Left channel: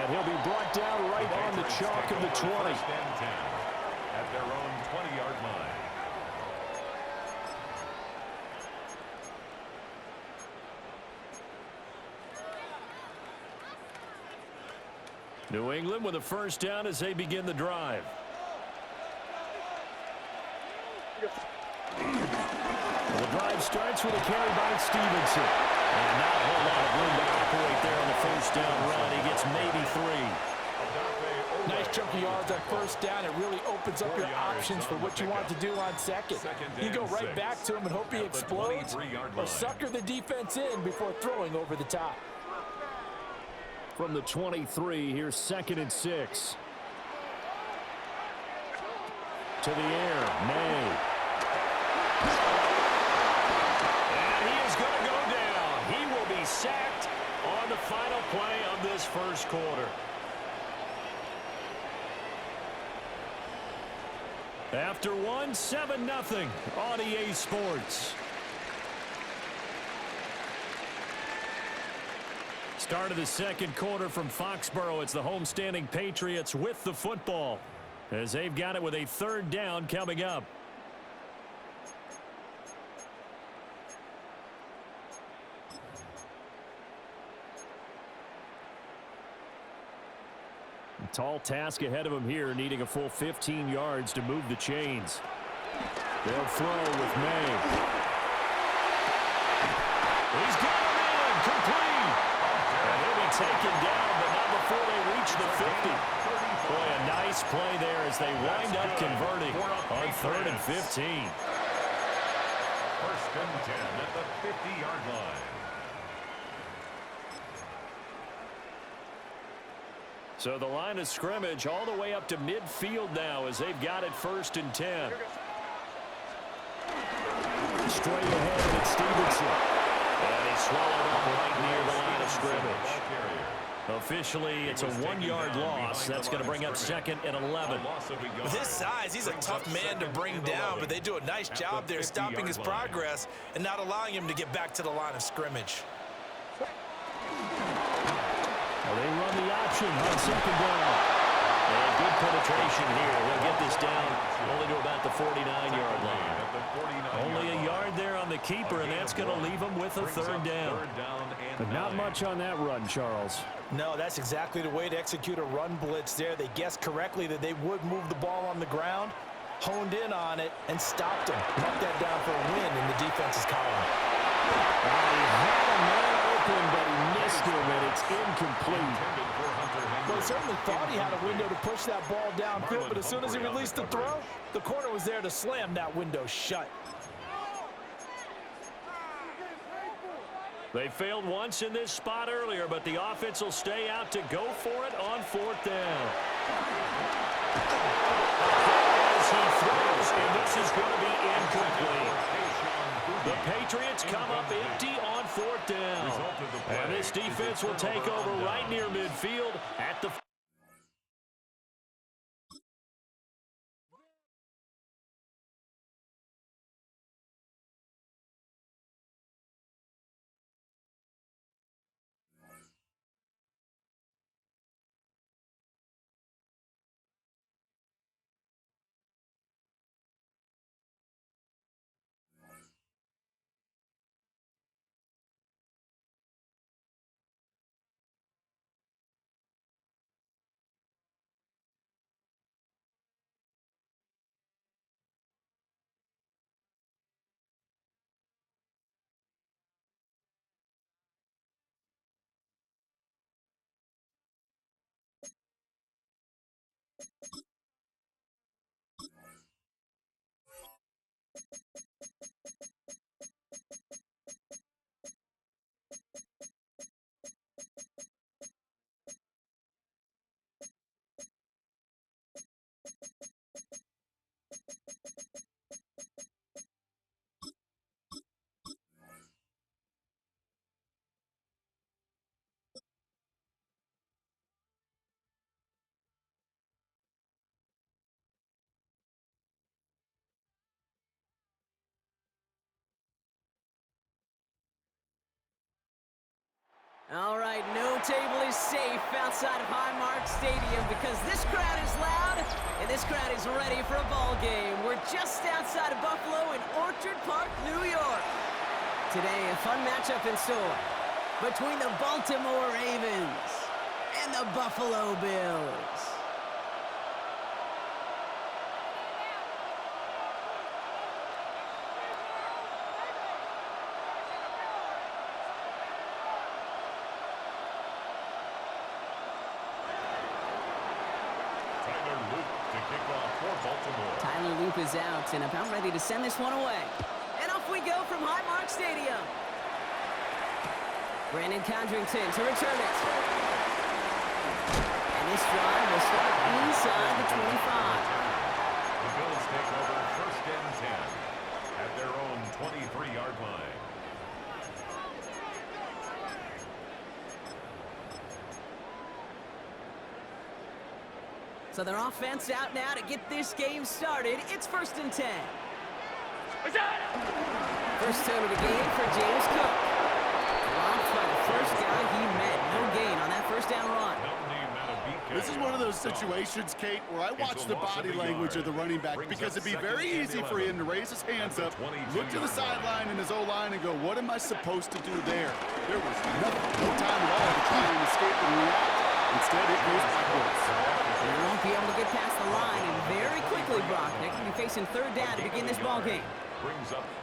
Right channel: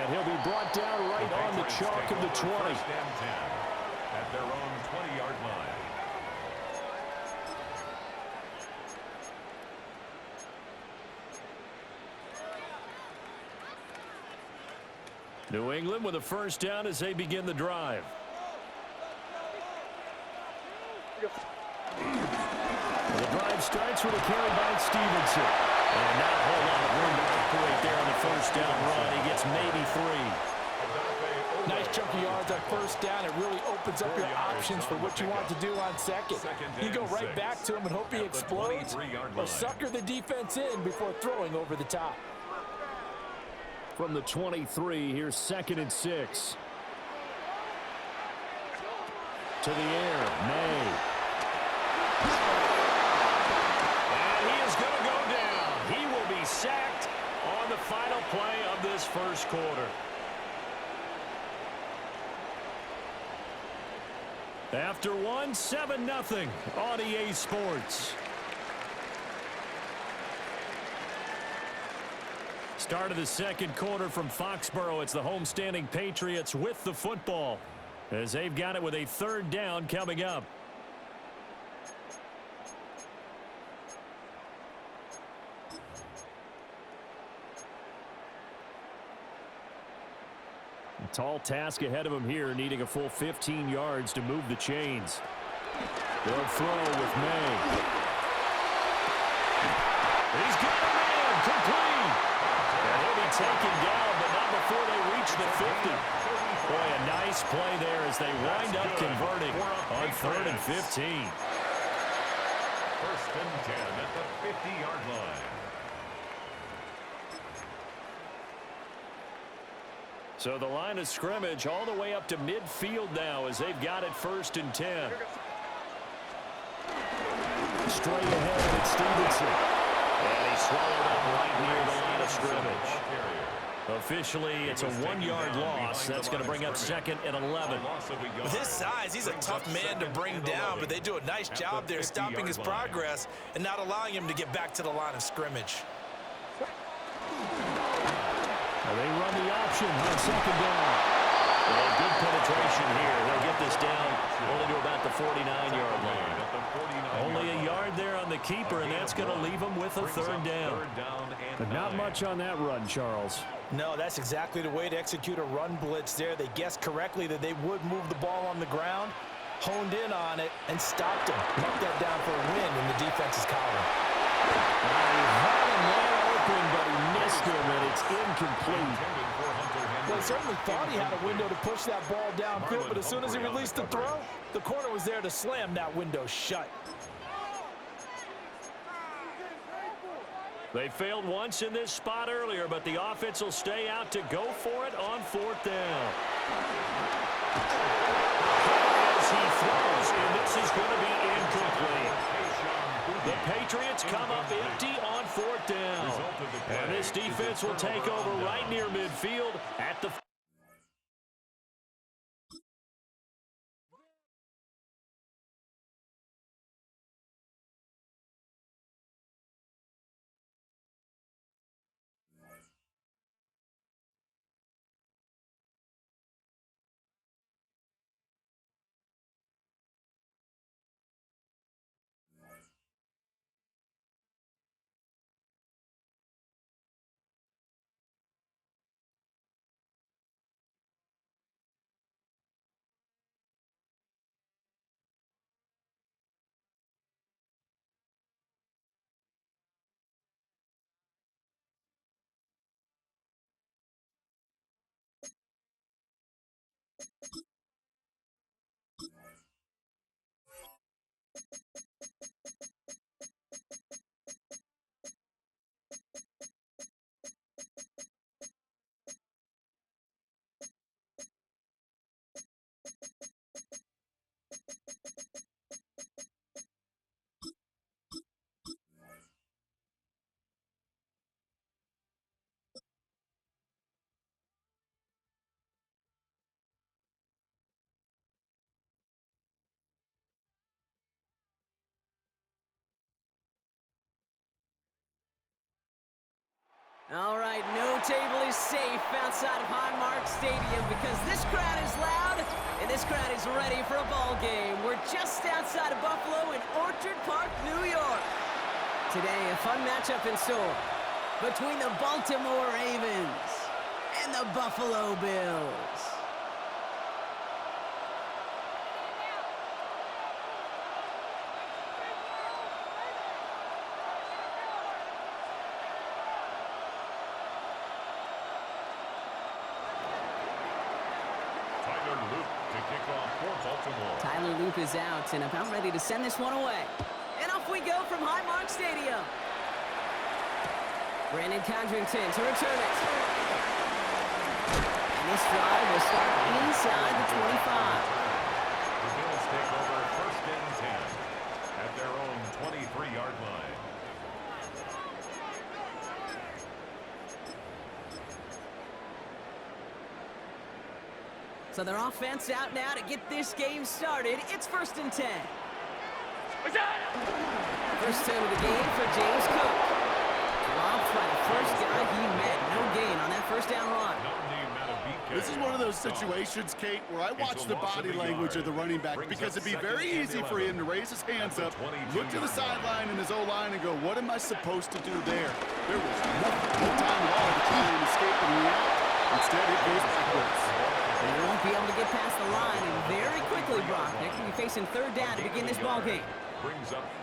And he'll be brought down right on the chalk of the 20. First and 10 at their own 20-yard line. New England with a first down as they begin the drive. The drive starts with a carry by Stevenson. And not a whole lot of room to operate there on the first down run. He gets maybe 3. Nice chunk of yards on first down. It really opens up your options for what you want to do on second. You go right back to him and hope he explodes, or sucker the defense in before throwing over the top. From the 23, here's 2nd and 6. To the air, May. And he is going to go down. He will be sacked on the final play of this first quarter. After one, 7-0 on EA Sports. Start of the second quarter from Foxborough. It's the homestanding Patriots with the football, as they've got it with a 3rd down coming up. A tall task ahead of him here, needing a full 15 yards to move the chains. They'll throw with May. He's got him in, complete. And he'll be taken down, but not before they reach the 50. Boy, a nice play there as they wind up converting on 3rd and 15. First and 10 at the 50-yard line. So the line of scrimmage all the way up to midfield now as they've got it 1st and 10. Straight ahead, it's Stevenson. And he swallowed up right near the line of scrimmage. Officially, it's a 1-yard loss. That's going to bring up 2nd and 11. With his size, he's a tough man to bring down, but they do a nice job there stopping his progress and not allowing him to get back to the line of scrimmage. Now they run the option on 2nd down. And good penetration here. He'll get this down only to about the 49-yard line. Only a yard there on the keeper, and that's going to leave him with a 3rd down. But not much on that run, Charles. No, that's exactly the way to execute a run blitz there. They guessed correctly that they would move the ball on the ground, honed in on it, and stopped him. Knocked that down for a win in the defense's column. He had a man open, but he missed him, and it's incomplete. Well, he certainly thought he had a window to push that ball downfield, but as soon as he released the throw, the corner was there to slam that window shut. They failed once in this spot earlier, but the offense will stay out to go for it on 4th down. As he throws, and this is going to be incomplete. The Patriots come up empty on 4th down. And this defense will take over right near midfield at the All right, no table is safe outside of Highmark Stadium because this crowd is loud and this crowd is ready for a ball game. We're just outside of Buffalo in Orchard Park, New York. Today, a fun matchup in store between the Baltimore Ravens and the Buffalo Bills. Tyler Loop is out and about ready to send this one away. And off we go from Highmark Stadium. Brandon Condrington to return it. And this drive will start inside the 25. The Bills take over 1st and 10 at their own 23-yard line. So their offense out now to get this game started. It's 1st and 10. First turn of the game for James Cook. Dropped by the first guy he met. No gain on that first down run. This is one of those situations, Kate, where I watch the body language of the running back because it'd be very easy for him to raise his hands up, look to the sideline in his O-line and go, what am I supposed to do there? There was no time at all to try and escape and react. Instead, it goes backwards. They won't be able to get past the line, and very quickly, Brock, they could be facing 3rd down to begin this ball game.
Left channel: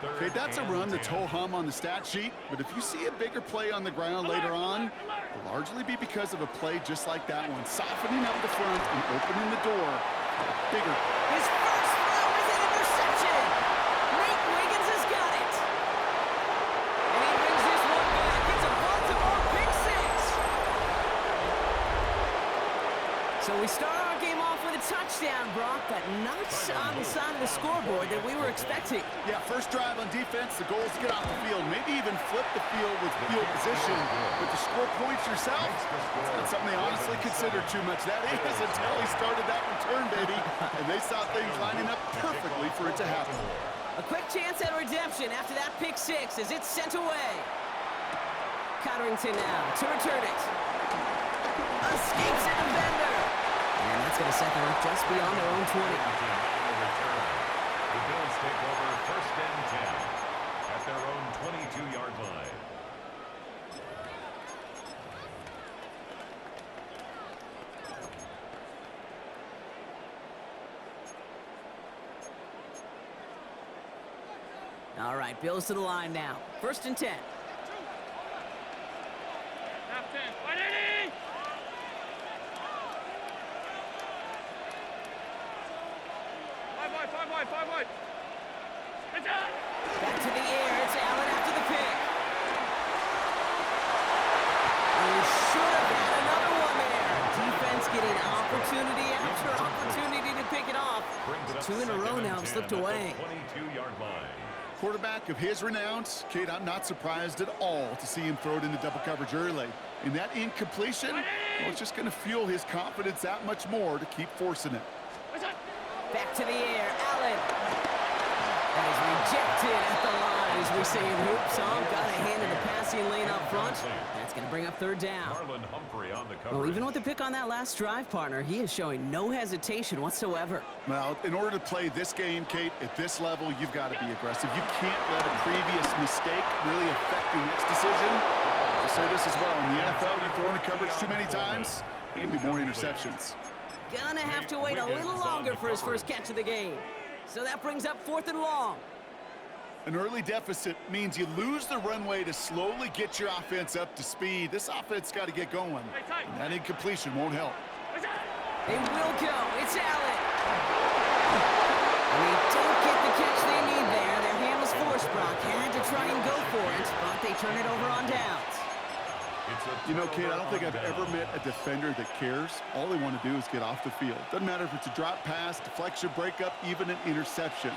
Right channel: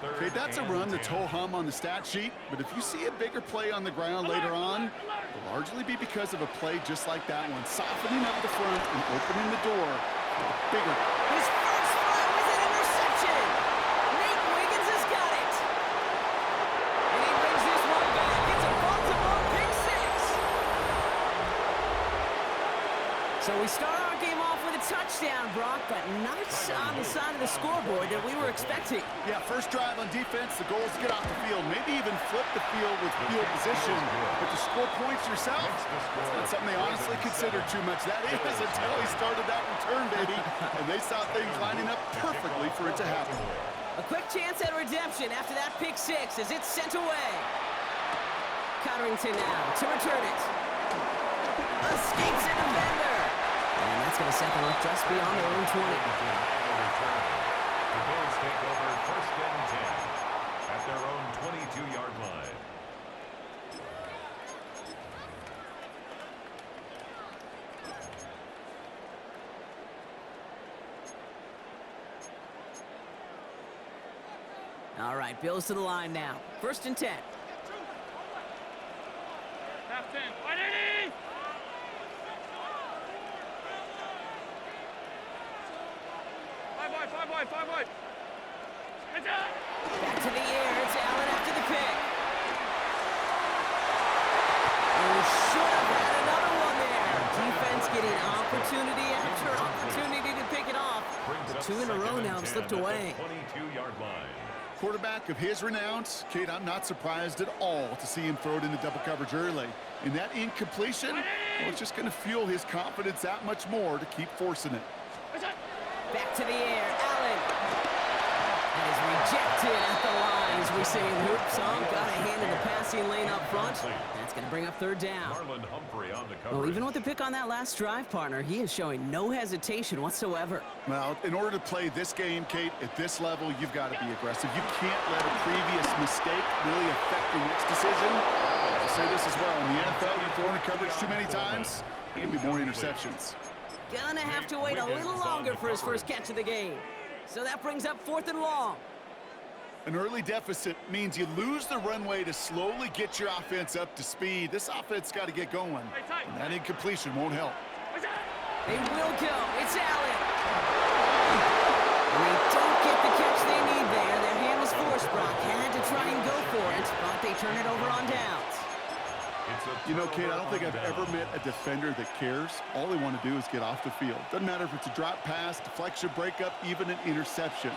Okay, that's a run that's ho-hum on the stat sheet, but if you see a bigger play on the ground later on, it'll largely be because of a play just like that one, softening up the front and opening the door for a bigger. His first throw is an interception. Nate Wiggins has got it. And he brings this one back. It's a Baltimore pick 6. So we start our game off with a touchdown, Brock, but not on the side of the scoreboard that we were expecting. Yeah, first drive on defense, the goal is to get off the field, maybe even flip the field with field position, but to score points yourself, it's not something they honestly consider too much. That is until he started that return, baby, and they saw things lining up perfectly for it to happen. A quick chance at redemption after that pick 6 as it's sent away. Codrington now to return it. Escapes a defender. And that's going to set them up just beyond their own 20. The Bills take over 1st and 10 at their own 22-yard line. All right, Bills to the line now. 1st and 10. Half 10. 180! Five wide. Back to the air. It's Allen after the pick. Oh, should have had another one there. Defense getting opportunity after opportunity to pick it off. The 2 in a row now have slipped away. 22-yard line. Quarterback of his renounce, Kate, I'm not surprised at all to see him throw it into double coverage early. And that incompletion, well, it's just going to fuel his confidence that much more to keep forcing it. Back to the air, Allen. That is rejected at the line, as we say in hoops. Got a hand in the passing lane up front. That's going to bring up 3rd down. Humphrey on the coverage. Well, even with the pick on that last drive, partner, he is showing no hesitation whatsoever. Well, in order to play this game, Kate, at this level, you've got to be aggressive. You can't let a previous mistake really affect your next decision. I'll say this as well. In the NFL, you throw into coverage too many times, there can be more interceptions. Gonna have to wait a little longer for his first catch of the game. So that brings up 4th and long. An early deficit means you lose the runway to slowly get your offense up to speed. This offense got to get going, and that incompletion won't help. They will go. It's Allen. And they don't get the catch they need there. Their hand was forced, Brock. Had to try and go for it, but they turn it over on downs. You know, Kate, I don't think I've ever met a defender that cares. All they want to do is get off the field. Doesn't matter if it's a drop pass, deflection, breakup, even an interception.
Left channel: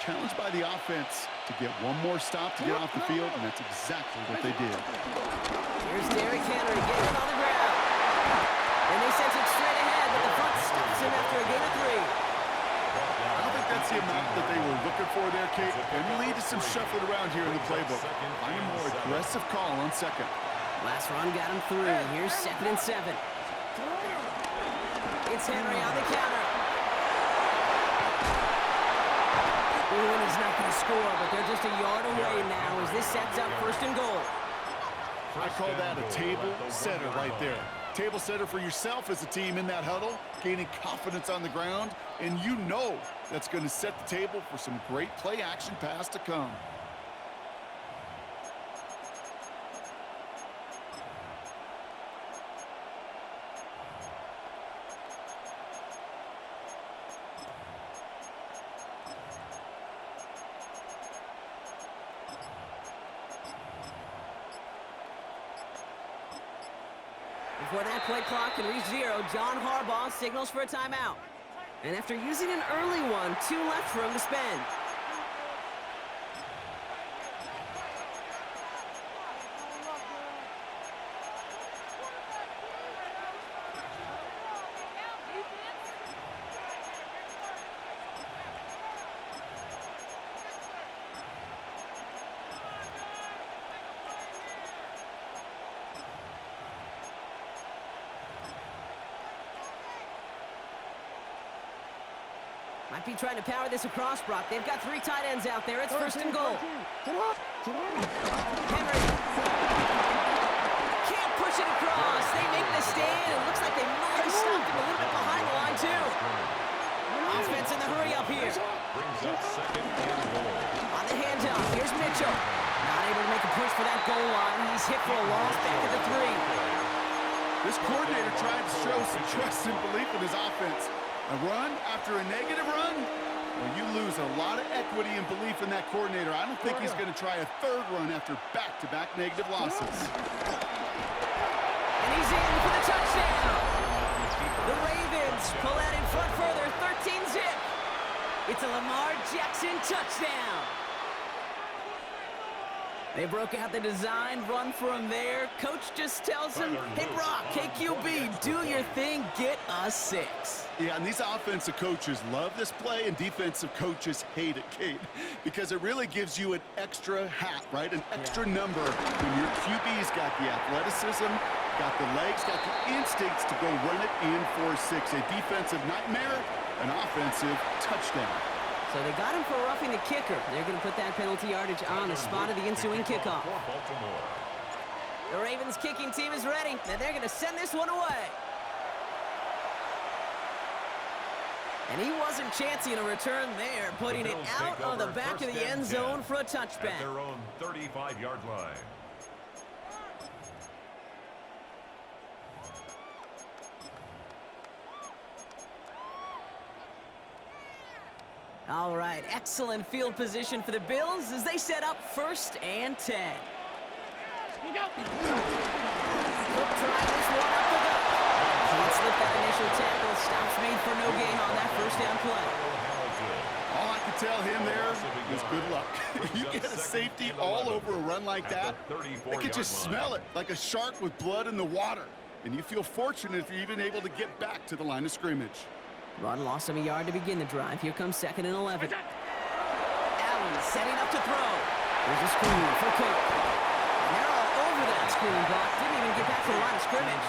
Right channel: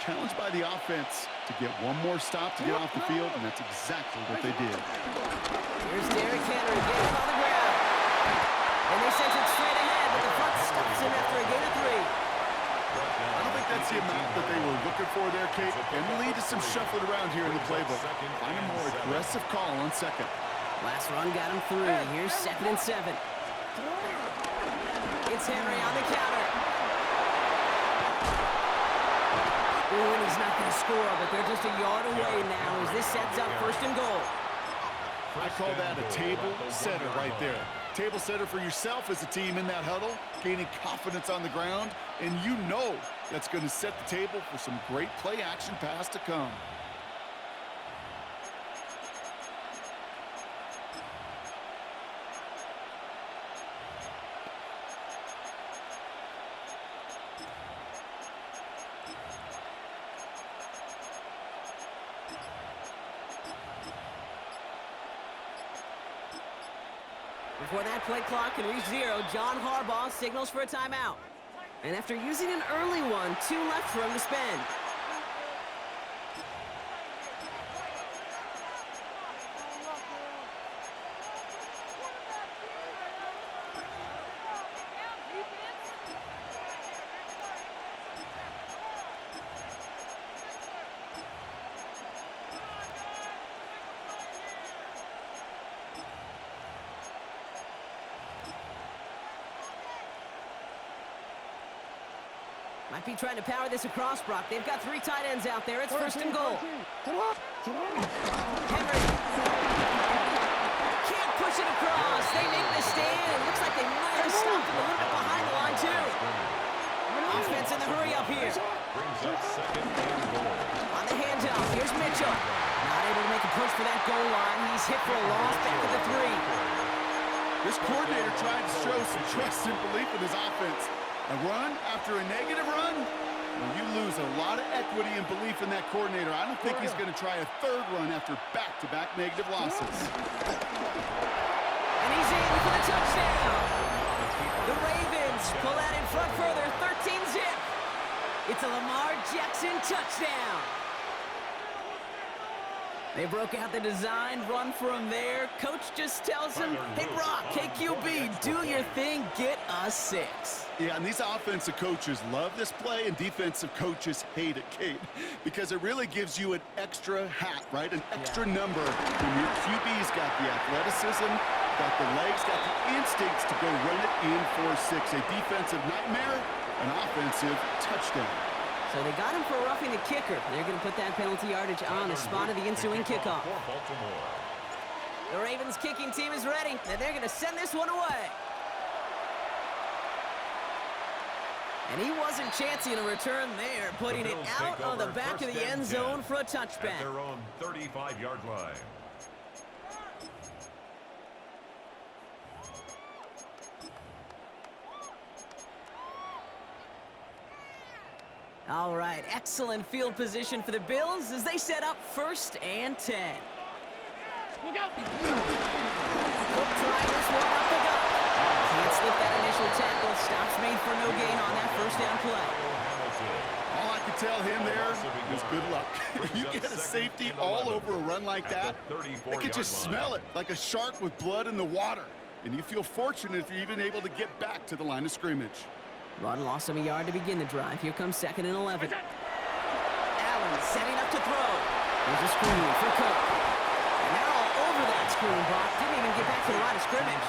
Challenged by the offense to get one more stop to get off the field, and that's exactly what they did. Here's Derrick Henry getting on the ground. And they sent it straight ahead, but the front stops him after a gain of 3. I don't think that's the amount that they were looking for there, Kate, and lead to some shuffling around here in the playbook. Find a more aggressive call on 2nd. Last run got him 3. Here's 2nd and 7. It's Henry on the counter. Ooh, and he's not going to score, but they're just a yard away now as this sets up 1st and goal. I call that a table setter right there. Table setter for yourself as a team in that huddle, gaining confidence on the ground, and you know that's going to set the table for some great play action pass to come. Before that play clock can reach 0, John Harbaugh signals for a timeout. And after using an early one, 2 left for him to spend. Might be trying to power this across, Brock. They've got 3 tight ends out there. It's 1st and goal. Henry. Can't push it across. They make the stand. It looks like they might have stopped him a little bit behind the line, too. Offense in the hurry up here. Brings up 2nd and goal. On the handoff, here's Mitchell. Not able to make a push for that goal line. He's hit for a loss back at the 3. This coordinator tried to show some trust and belief in his offense. A run after a negative run? Well, you lose a lot of equity and belief in that coordinator. I don't think he's going to try a 3rd run after back-to-back negative losses. And he's in for the touchdown. The Ravens pull out in front further, 13-zip. It's a Lamar Jackson touchdown. They broke out the design run for him there. Coach just tells him, hey, Brock, KQB, do your thing, get us 6. Yeah, and these offensive coaches love this play, and defensive coaches hate it, Kate, because it really gives you an extra hat, right? An extra number when your QB's got the athleticism, got the legs, got the instincts to go run it in for 6. A defensive nightmare, an offensive touchdown. So they got him for roughing the kicker. They're going to put that penalty yardage on the spot of the ensuing kickoff. The Ravens kicking team is ready, and they're going to send this one away. And he wasn't chancing a return there, putting it out on the back of the end zone for a touchback. At their own 35-yard line. All right, excellent field position for the Bills as they set up 1st and 10. Cook trying this one up the gut. Can't slip that initial tackle. Stops made for no gain on that 1st down play. All I could tell him there was good luck. You get a safety all over a run like that, they could just smell it like a shark with blood in the water. And you feel fortunate if you're even able to get back to the line of scrimmage. Run lost him a yard to begin the drive. Here comes 2nd and 11. Allen setting up to throw. There's a screen for Cook. And they're all over that screen, Brock. Didn't even get back to the line of scrimmage.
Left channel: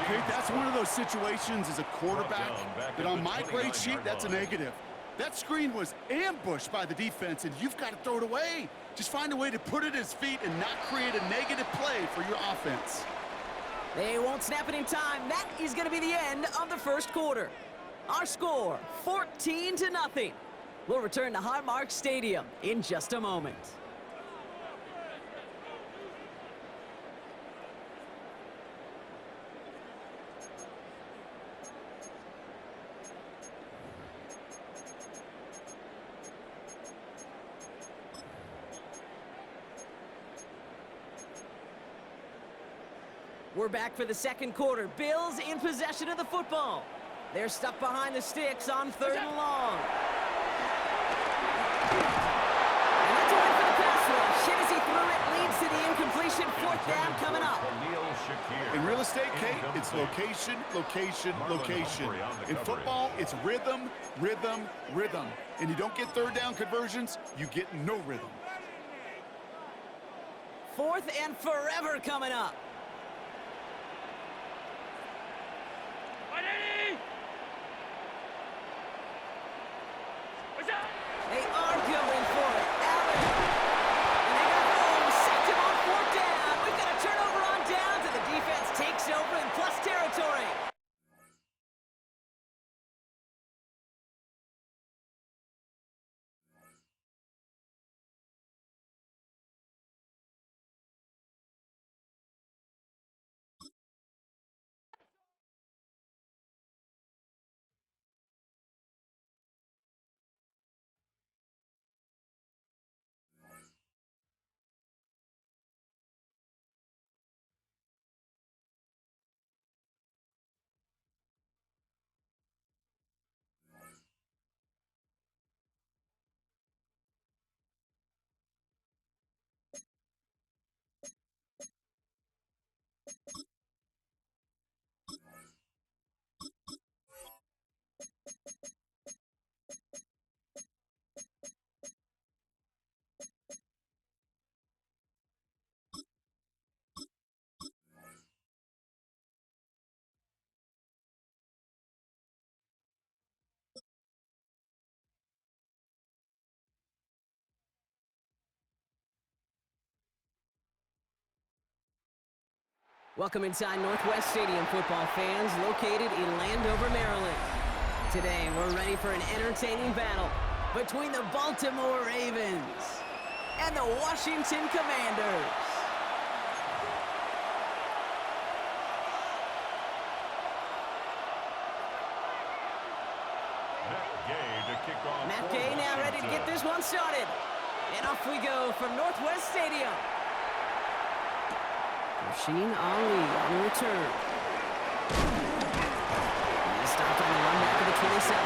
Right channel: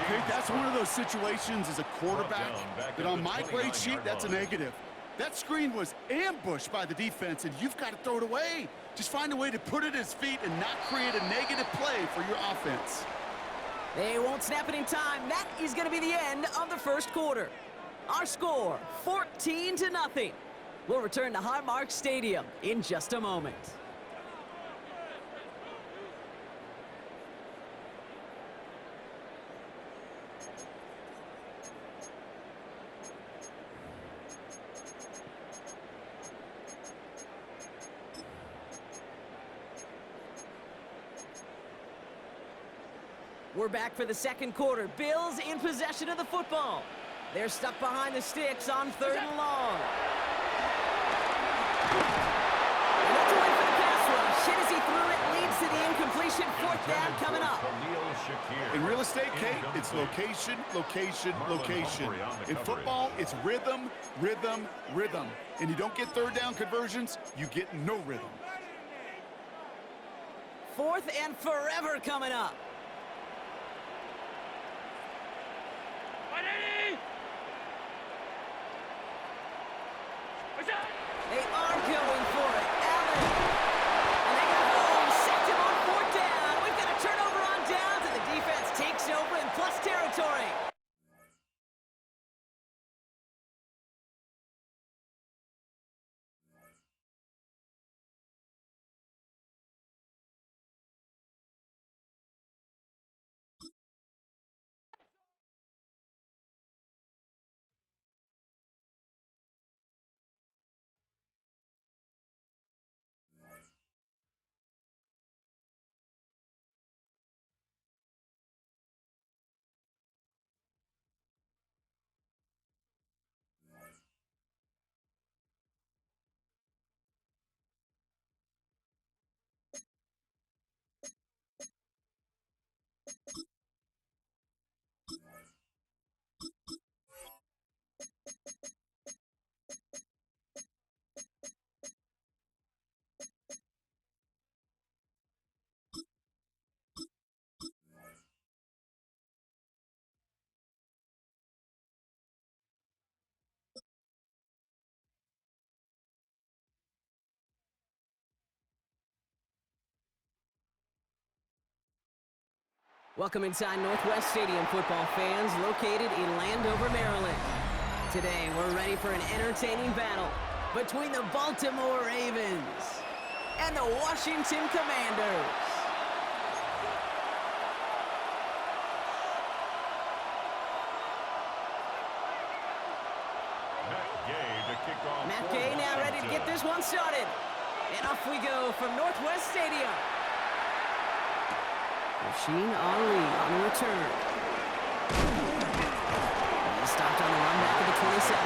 Okay, that's one of those situations as a quarterback that on my grade sheet, that's a negative. That screen was ambushed by the defense, and you've got to throw it away. Just find a way to put it at his feet and not create a negative play for your offense. They won't snap it in time. That is going to be the end of the 1st quarter. Our score, 14-0. We'll return to Highmark Stadium in just a moment. We're back for the 2nd quarter. Bills in possession of the football. They're stuck behind the sticks on 3rd and long. And that's a win for the pass rush. Hit as he threw it, leads to the incompletion. 4th down coming up. In real estate, Kate, it's location, location, location. In football, it's rhythm, rhythm, rhythm. And you don't get 3rd down conversions, you get no rhythm. 4th and forever coming up. They are going for it. Allen. And they got home. Sacked him on 4th down. We've got a turnover on downs, and the defense takes over in plus territory. Welcome inside Northwest Stadium, football fans, located in Landover, Maryland. Today, we're ready for an entertaining battle between the Baltimore Ravens and the Washington Commanders. Matt Gay now ready to get this one started. And off we go from Northwest Stadium. Rasheen Ali on the return. He stopped on the run back of the 27.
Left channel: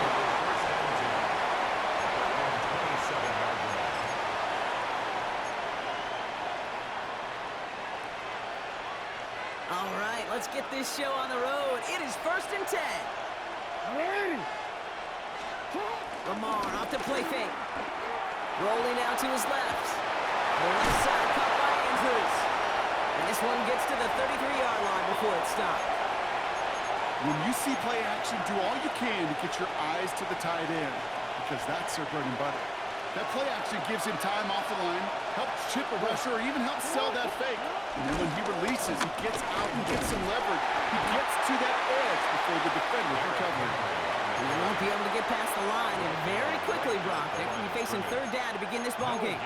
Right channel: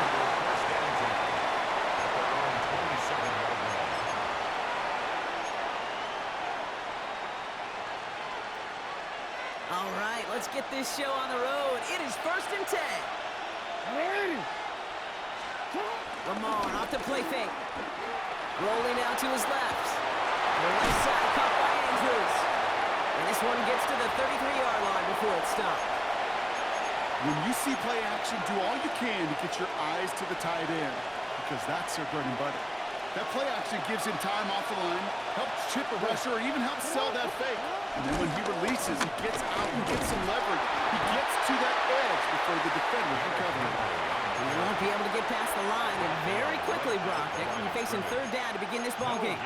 All right, let's get this show on the road. It is 1st and 10. Lamar off the play fake. Rolling out to his left. The left side caught by Andrews. And this one gets to the 33-yard line before it stopped. When you see play action, do all you can to get your eyes to the tight end, because that's their bread and butter. That play action gives him time off the line, helps chip a rusher, or even helps sell that fake. And then when he releases, he gets out and gets some leverage. He gets to that edge before the defender can cover him. He won't be able to get past the line, and very quickly, Brock, they're going to be facing 3rd down to begin this ballgame.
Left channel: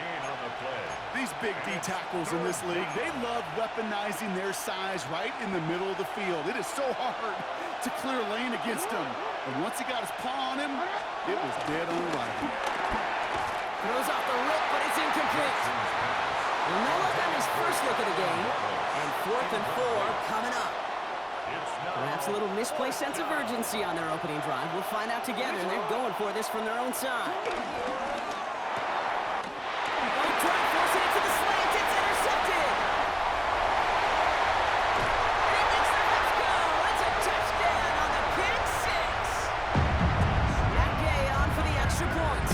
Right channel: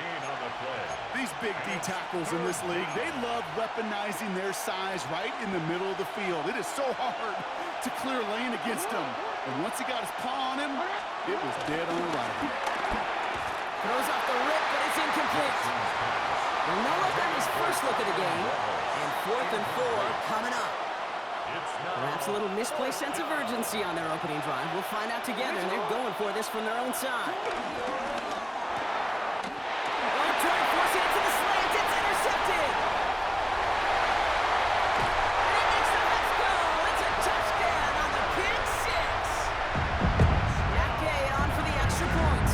These big D tackles in this league, they love weaponizing their size right in the middle of the field. It is so hard to clear lane against him. And once he got his paw on him, it was dead on arrival. Throws off the rip, but it's incomplete. Well, no look on his first look of the game. And 4th and 4 coming up. Perhaps a little misplaced sense of urgency on their opening drive. We'll find out together, and they're going for this from their own side. Oh, try and force it into the slant. It's intercepted. And it makes the Huts go. It's a touchdown on the pick six. Matt Gay on for the extra point.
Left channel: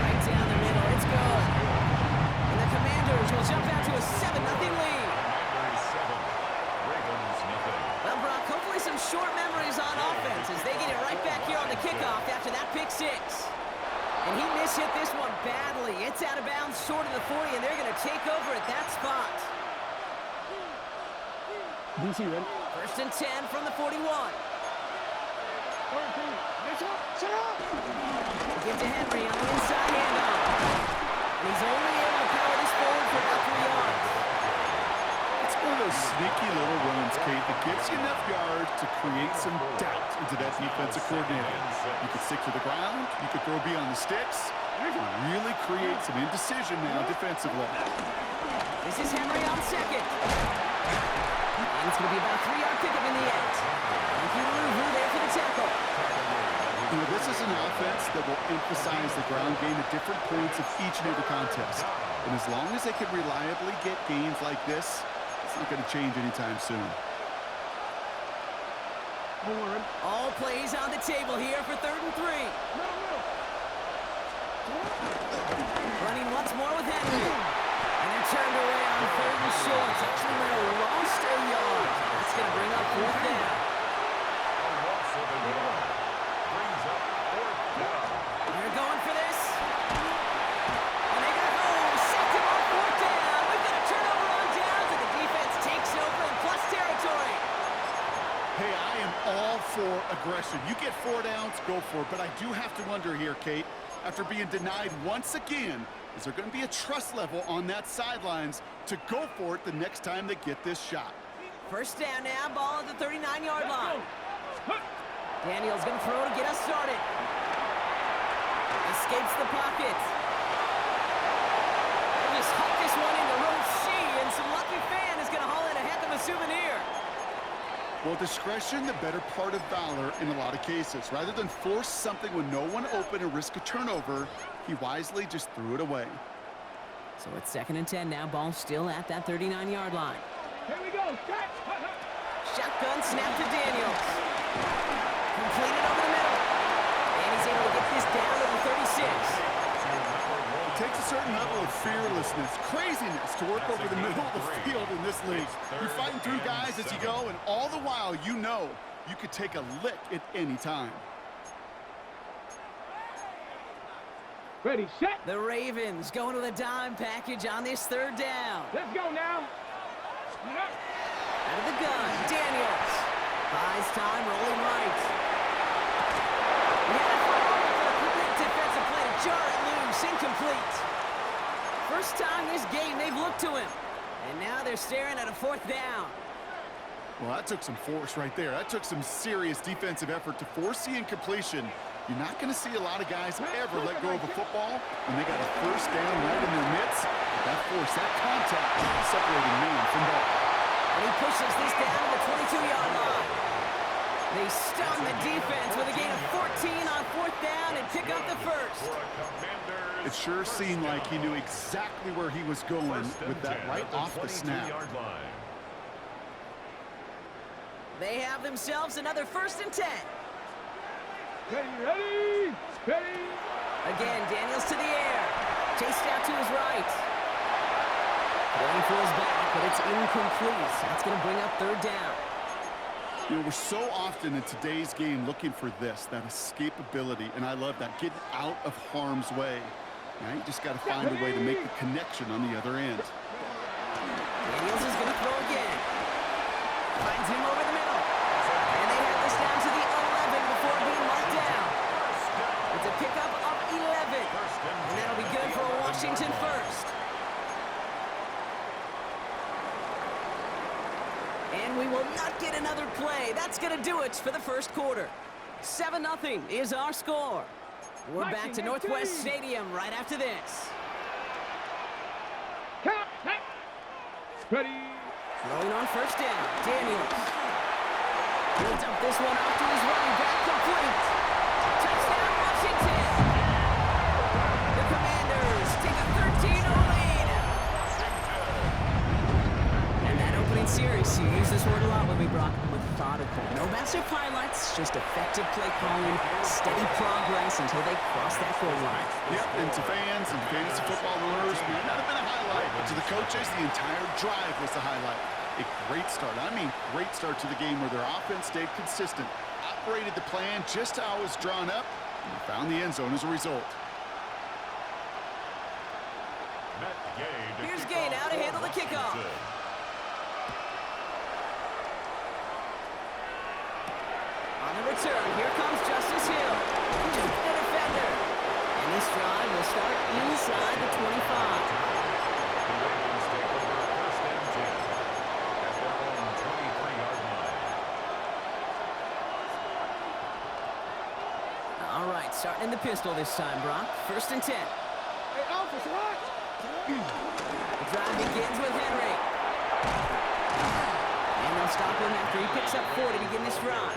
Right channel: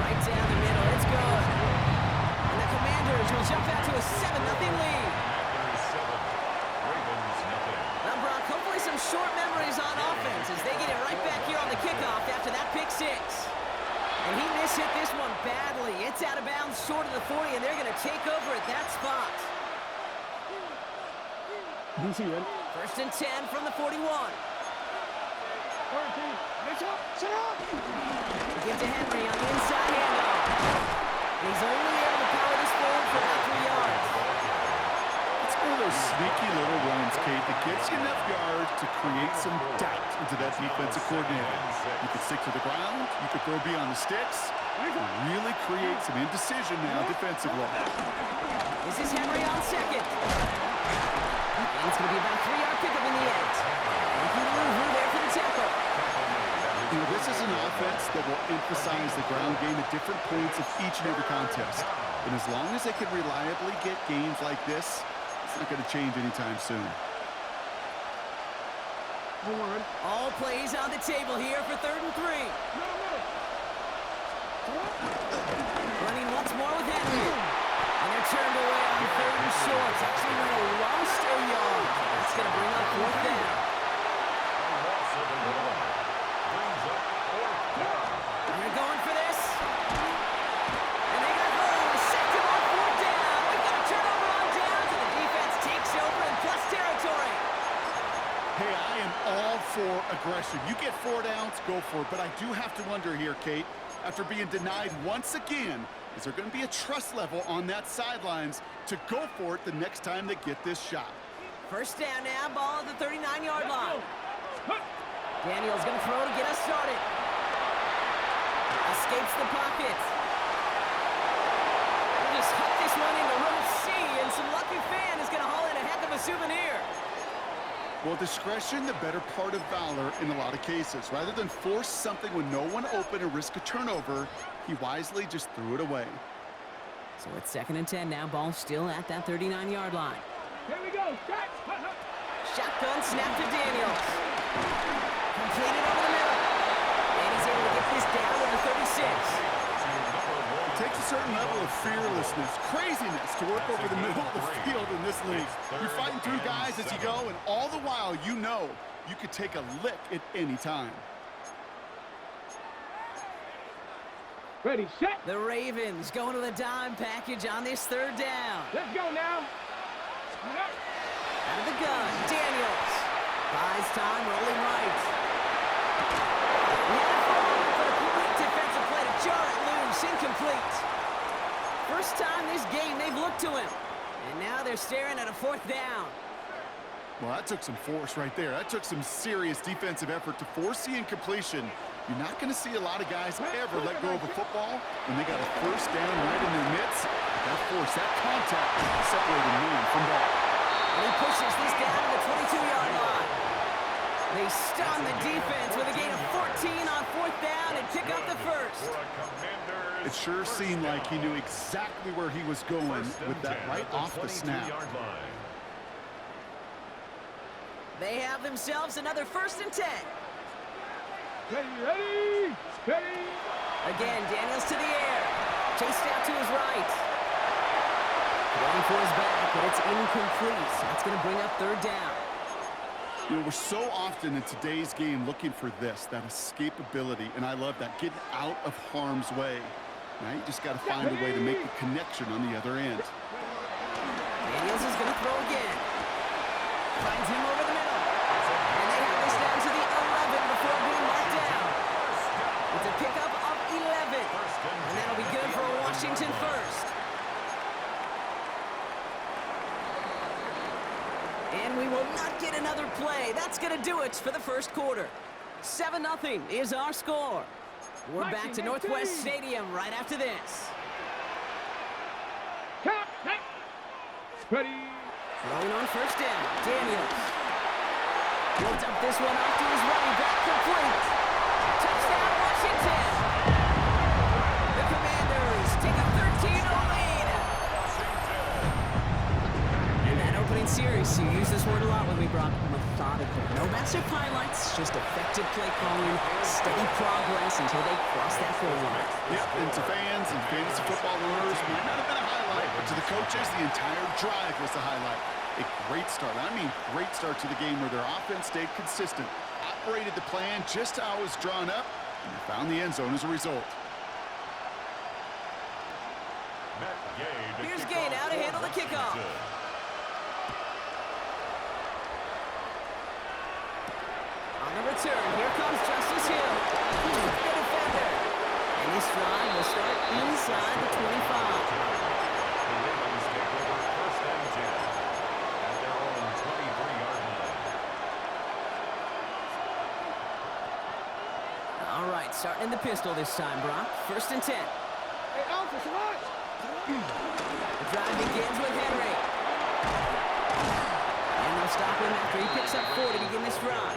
Right down the middle. It's good. And the Commanders will jump out to a 7-0 lead. Well, Brock, hopefully some short memories on offense as they get it right back here on the kickoff after that pick six. And he mishit this one badly. It's out of bounds short of the 40, and they're going to take over at that spot. DC ready? 1st and 10 from the 41. Give to Henry on the inside handoff. And he's only able to power this forward for about 3 yards. It's one of those sneaky little runs, Kate, that gets you enough yards to create some doubt into that defensive coordinator. You could stick to the ground, you could throw beyond the sticks, you can really create some indecision now defensively. This is Henry on second. And it's going to be about a 3-yard pickup in the end. Thank you, Lou, there for the tackle. You know, this is an offense that will emphasize the ground game at different points of each and every contest. And as long as they can reliably get gains like this, it's not going to change anytime soon. All plays on the table here for 3rd and 3. Running once more with Henry. And they're turned away on 3rd and short. Actually might have lost a yard. That's going to bring up 4th down. A loss of a yard brings up 4th down. They're going for this. And they got home. Sacked him on 4th down. We've got a turnover on downs, and the defense takes over in plus territory. Hey, I am all for aggression. You get 4 downs, go for it. But I do have to wonder here, Kate, after being denied once again, is there going to be a trust level on that sidelines to go for it the next time they get this shot? 1st down now, ball at the 39-yard line. Daniels going to throw to get us started. Escapes the pocket. We'll just huck this one into row C, and some lucky fan is going to haul in a heck of a souvenir. Well, discretion, the better part of valor in a lot of cases. Rather than force something when no one open and risk a turnover, he wisely just threw it away. So it's 2nd and 10 now, ball still at that 39-yard line. Here we go. Shotgun snap to Daniels. Completed over the middle. And he's able to get this down to the 36. It takes a certain level of fearlessness, craziness to work over the middle of the field in this league. You're fighting through guys as you go, and all the while you know you could take a lick at any time. Ready, set. The Ravens going to the dime package on this 3rd down. Let's go now. Out of the gun, Daniels. Buys time, rolling right. He had it for a moment, but a great defensive play to jar it loose, incomplete. First time this game they've looked to him. And now they're staring at a 4th down. Well, that took some force right there. That took some serious defensive effort to force the incompletion. You're not going to see a lot of guys ever let go of a football when they got a 1st down right in their midst. But that force, that contact, separating man from ball. And he pushes this down to the 22-yard line. They stun the defense with a gain of 14 on 4th down and pick up the 1st. It sure seemed like he knew exactly where he was going with that right off the snap. They have themselves another 1st and 10. Ready. Again, Daniels to the air. Chased out to his right. Going for his back, but it's incomplete. That's going to bring up 3rd down. You know, we're so often in today's game looking for this, that escapability, and I love that, getting out of harm's way. Now you just got to find a way to make the connection on the other end. Daniels is going to throw again. Finds him over the middle. And they have this down to the 11 before being marked down. It's a pickup of 11. And that'll be good for a Washington 1st. And we will not get another play. That's going to do it for the 1st quarter. 7-0 is our score. We're back to Northwest Stadium right after this. Count. Ready. Throwing on 1st down, Daniels. He'll dump this one off to his running back, complete. Touchdown, Washington. The Commanders take a 13-0 lead. And that opening series, you use this word a lot with me, Brock, methodical. No massive highlights, just effective play calling, steady progress until they cross that goal line. Yep, and to fans and fantasy football owners, might not have been a highlight, but to the coaches, the entire drive was the highlight. A great start. I mean, great start to the game where their offense stayed consistent, operated the plan just how it was drawn up, and they found the end zone as a result. Here's Gay now to handle the kickoff. On the return, here comes Justice Hill. The defender. And this drive will start inside the 25. The Ravens take over 1st and 10 at their own 23-yard line. All right, starting in the pistol this time, Brock. 1st and 10. Hey, Alpha, what? The drive begins with Henry. And they'll stop him after he picks up 4 to begin this drive.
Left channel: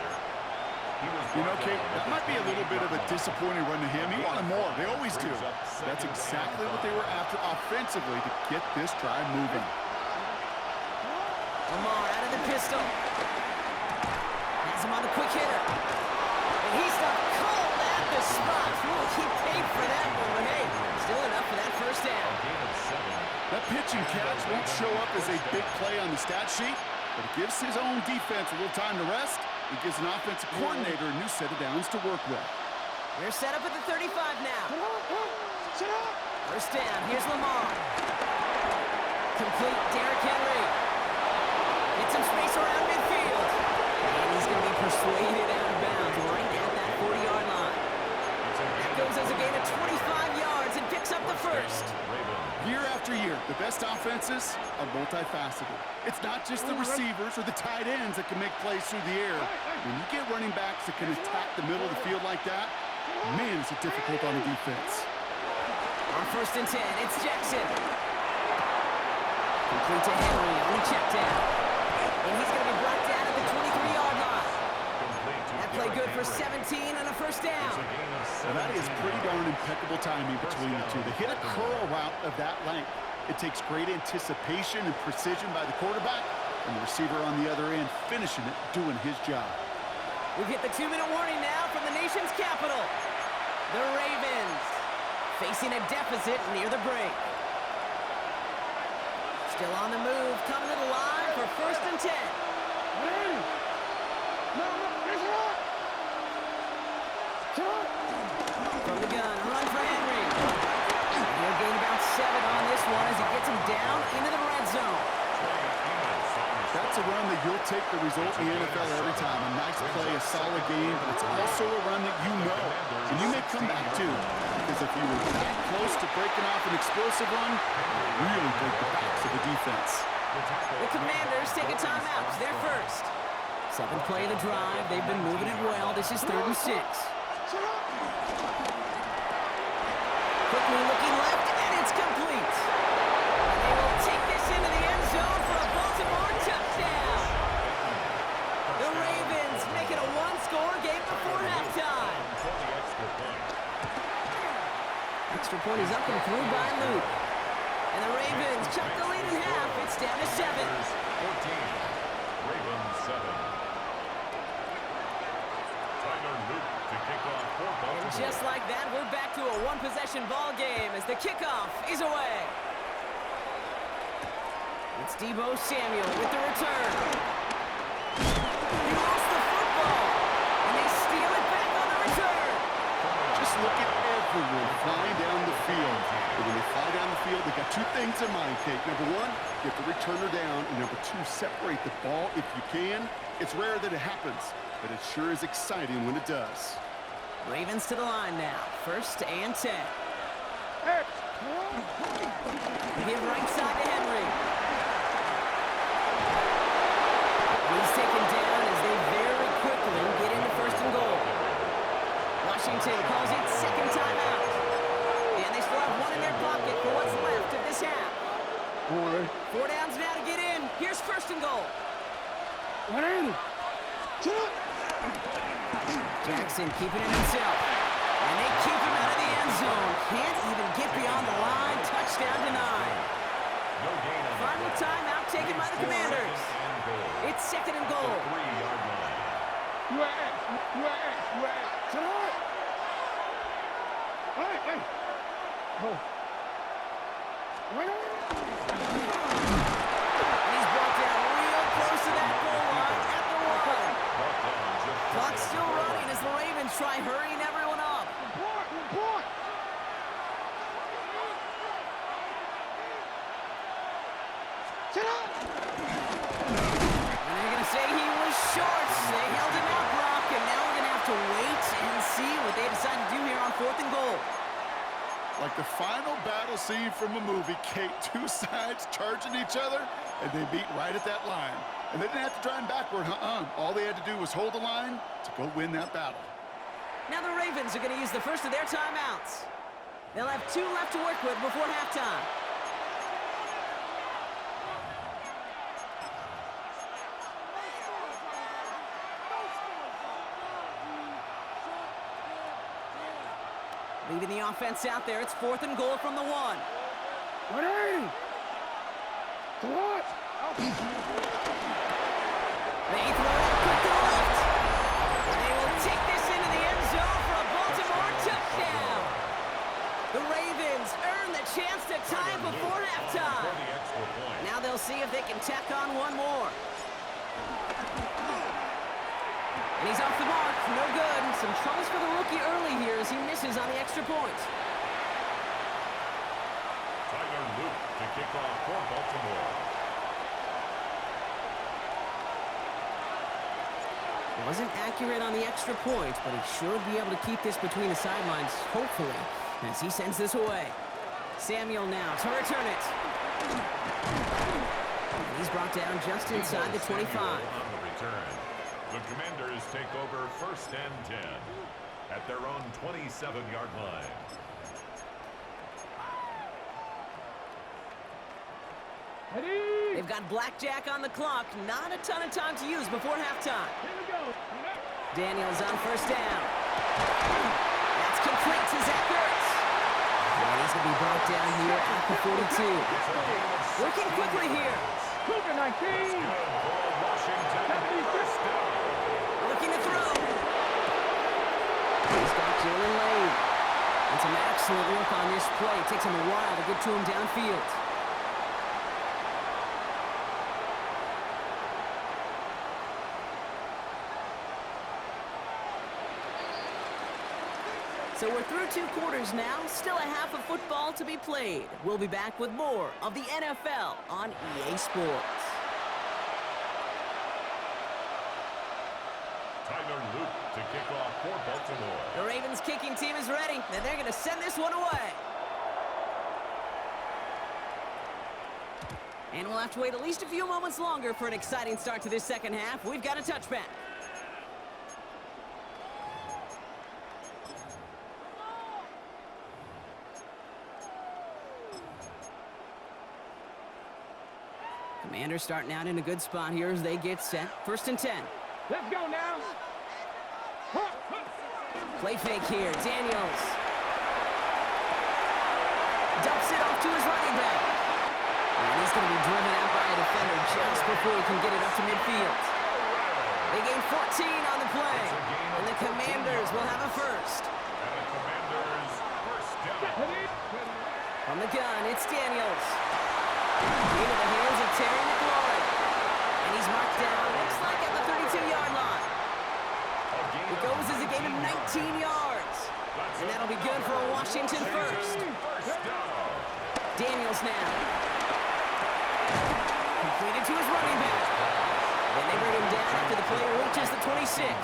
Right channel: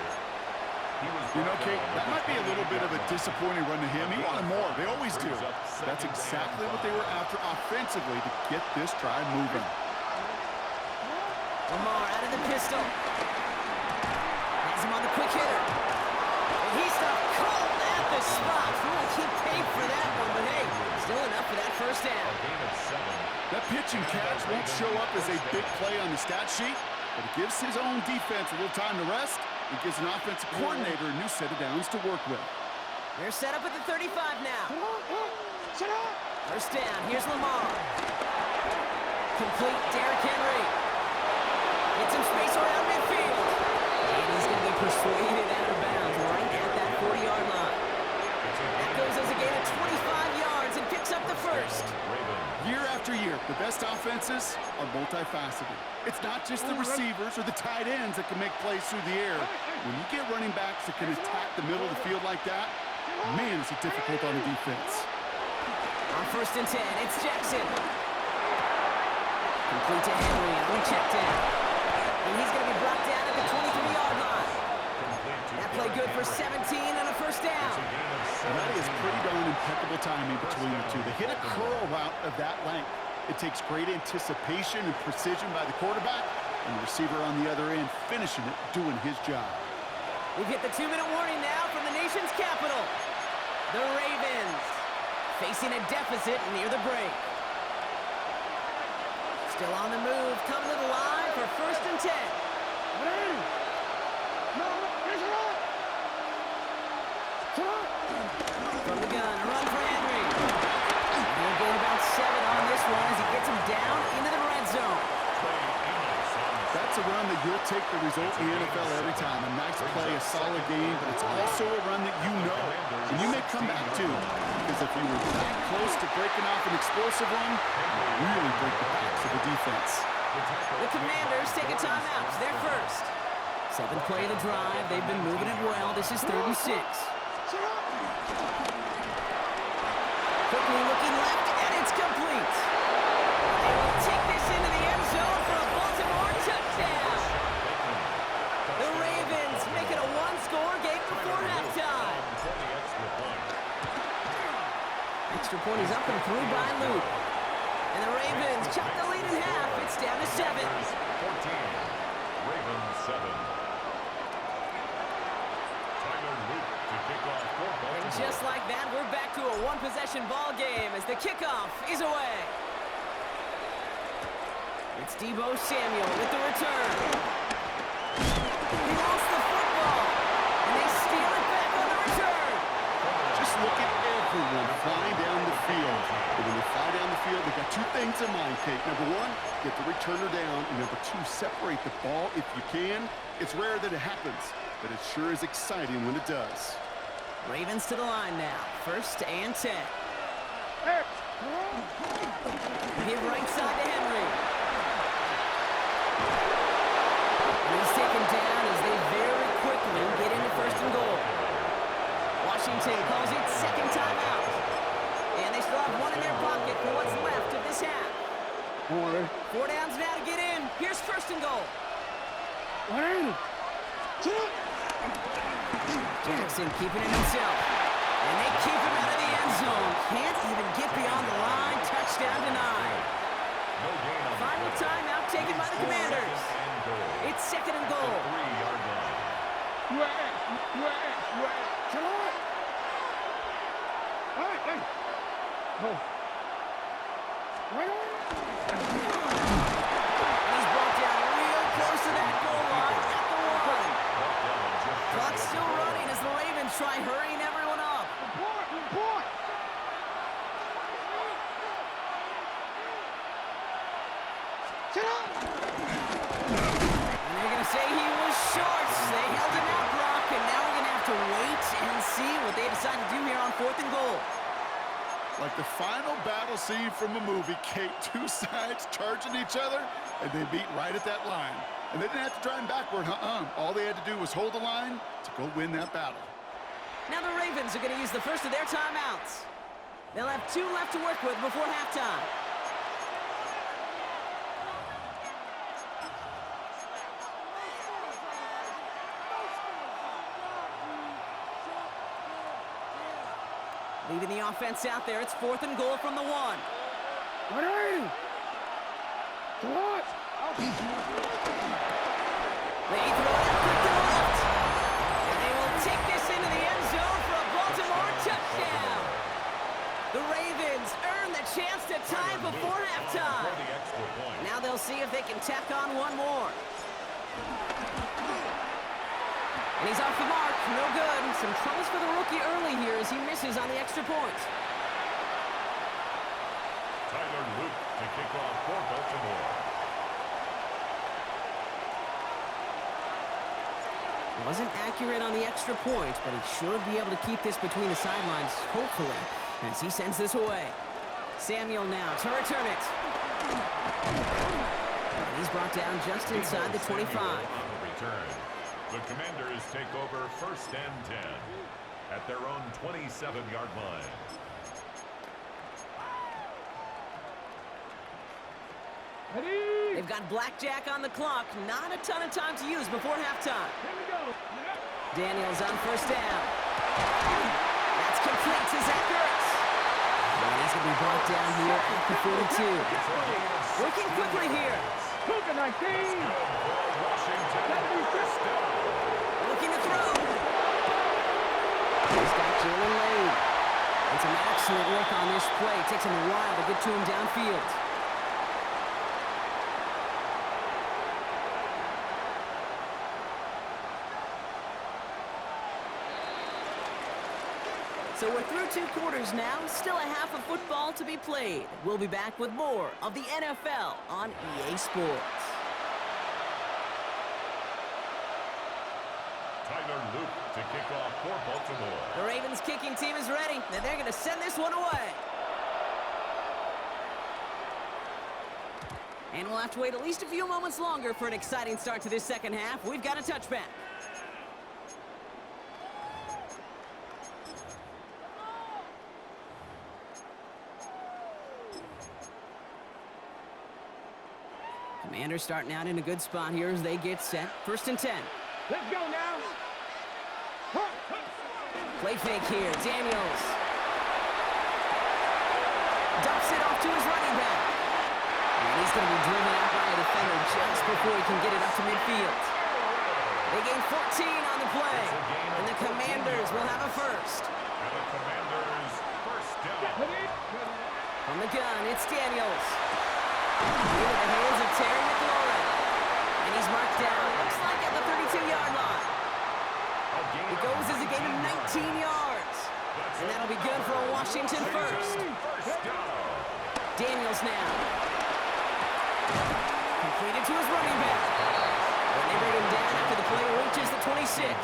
You know, Kate, that might be a little bit of a disappointing run to him. He wanted more. They always do. That's exactly what they were after offensively to get this drive moving. Lamar out of the pistol. Has him on the quick hitter. And he stopped cold at the spot. Ooh, he paid for that one, but hey, still enough for that first down. That pitch and catch won't show up as a big play on the stat sheet, but it gives his own defense a little time to rest. It gives an offensive coordinator a new set of downs to work with. They're set up at the 35 now. Sit up. First down, here's Lamar. Complete, Derrick Henry. Get some space around midfield. And he's going to be persuaded out of bounds right at that 40-yard line. That goes as a gain of 25 yards and picks up the first. Year after year, the best offenses are multifaceted. It's not just the receivers or the tight ends that can make plays through the air. When you get running backs that can attack the middle of the field like that, man, is it difficult on the defense. On first and 10, it's Jackson. Complete to Henry on the check down. And he's going to be brought down at the 23-yard line. That play good for 17 and a first down. Well, that is pretty darn impeccable timing between the two. They hit a curl route of that length. It takes great anticipation and precision by the quarterback, and the receiver on the other end finishing it, doing his job. We've hit the 2-minute warning now from the nation's capital. The Ravens facing a deficit near the break. Still on the move, coming to the line for first and 10. From the gun, run for Henry. He'll gain about 7 on this one as he gets him down into the red zone. That's a run that you'll take the result in the NFL every time. A nice play, a solid game, but it's also a run that you know and you may come back to. Because if you were that close to breaking off an explosive one, you really break the backs of the defense. The Commanders take a timeout. They're first. 7th play of the drive. They've been moving it well. This is 3rd and 6. Quickly looking left, and it's complete. And they will take this into the end zone for a Baltimore touchdown. The Ravens make it a one-score game before halftime. Extra point is up and through by Luke. And the Ravens chop the lead in half. It's down to 7. 14, Ravens 7. Tyler Luke to kick off for Baltimore. And just like that, we're back to a one-possession ball game as the kickoff is away. It's Deebo Samuel with the return. He lost the football, and they steal it back on the return. Just look at everyone flying down the field. But when they fly down the field, they got 2 things in mind, Kate. Number 1, get the returner down. And number 2, separate the ball if you can. It's rare that it happens, but it sure is exciting when it does. Ravens to the line now. 1st and 10. Give right side to Henry. And he's taken down as they very quickly get into 1st and goal. Washington calls it 2nd timeout. And they still have 1 in their pocket for what's left of this half. 4 downs now to get in. Here's 1st and goal. Jackson keeping it himself. And they keep him out of the end zone. Can't even get beyond the line. Touchdown denied. No gain on Final timeout taken by the Commanders. It's 2nd and goal. 3-yard line. And he's brought down real close to that goal line at the 1. Clock's still running as the Ravens try hurrying everyone up. Report. Sit up. And they're going to say he was short. They held him out, Brock, and now we're going to have to wait and see what they decide to do here on 4th and goal. Like the final battle scene from a movie, Kate, 2 sides charging each other, and they meet right at that line. And they didn't have to drive backward, All they had to do was hold the line to go win that battle. Now the Ravens are going to use the first of their timeouts. They'll have 2 left to work with before halftime. Leaving the offense out there, it's 4th and goal from the 1. They throw it out quick to the left. And they will take this into Ravens earn the chance to tie it before halftime. Now they'll see if they can tack on one more. And he's off the mark. No good. Some troubles for the rookie early here as he misses on the extra point. Tyler Luke to kick off for Baltimore. Wasn't accurate on the extra point, but he should be able to keep this between the sidelines, hopefully, as he sends this away. Samuel now to return it. And he's brought down just inside the 25. On the return. The Commanders take over 1st and 10 at their own 27-yard line. Ready? They've got blackjack on the clock. Not a ton of time to use before halftime. Here we go. Daniels on 1st down. That's complete to Zach Ertz. And he's going to be brought down here at the 42. Working quickly here. Cougar 19. Washington, first down. Looking to throw. He's got Jalen Lane. And some excellent work on this play. It takes him a while to get to him downfield. So we're through 2 quarters now. Still a half of football to be played. We'll be back with more of the NFL on EA Sports. Tyler Luke to kick off for Baltimore. The Ravens kicking team is ready, and they're going to send this one away. And we'll have to wait at least a few moments longer for an exciting start to this second half. We've got a touchback. Commanders starting out in a good spot here as they get set. 1st and 10. Let's go now. Play fake here. Daniels dumps it off to his running back. And he's going to be driven out by a defender just before he can get it up to midfield. They gain 14 on the play. And the Commanders will have a first. And the Commanders first down. From the gun, it's Daniels. Into the hands of Terry McLaurin. And he's marked down, looks like at the 32-yard line. It goes as a gain of 19 yards. And that'll be good for a Washington first. Daniels now. Completed to his running back. And they bring him down after the play reaches the 26.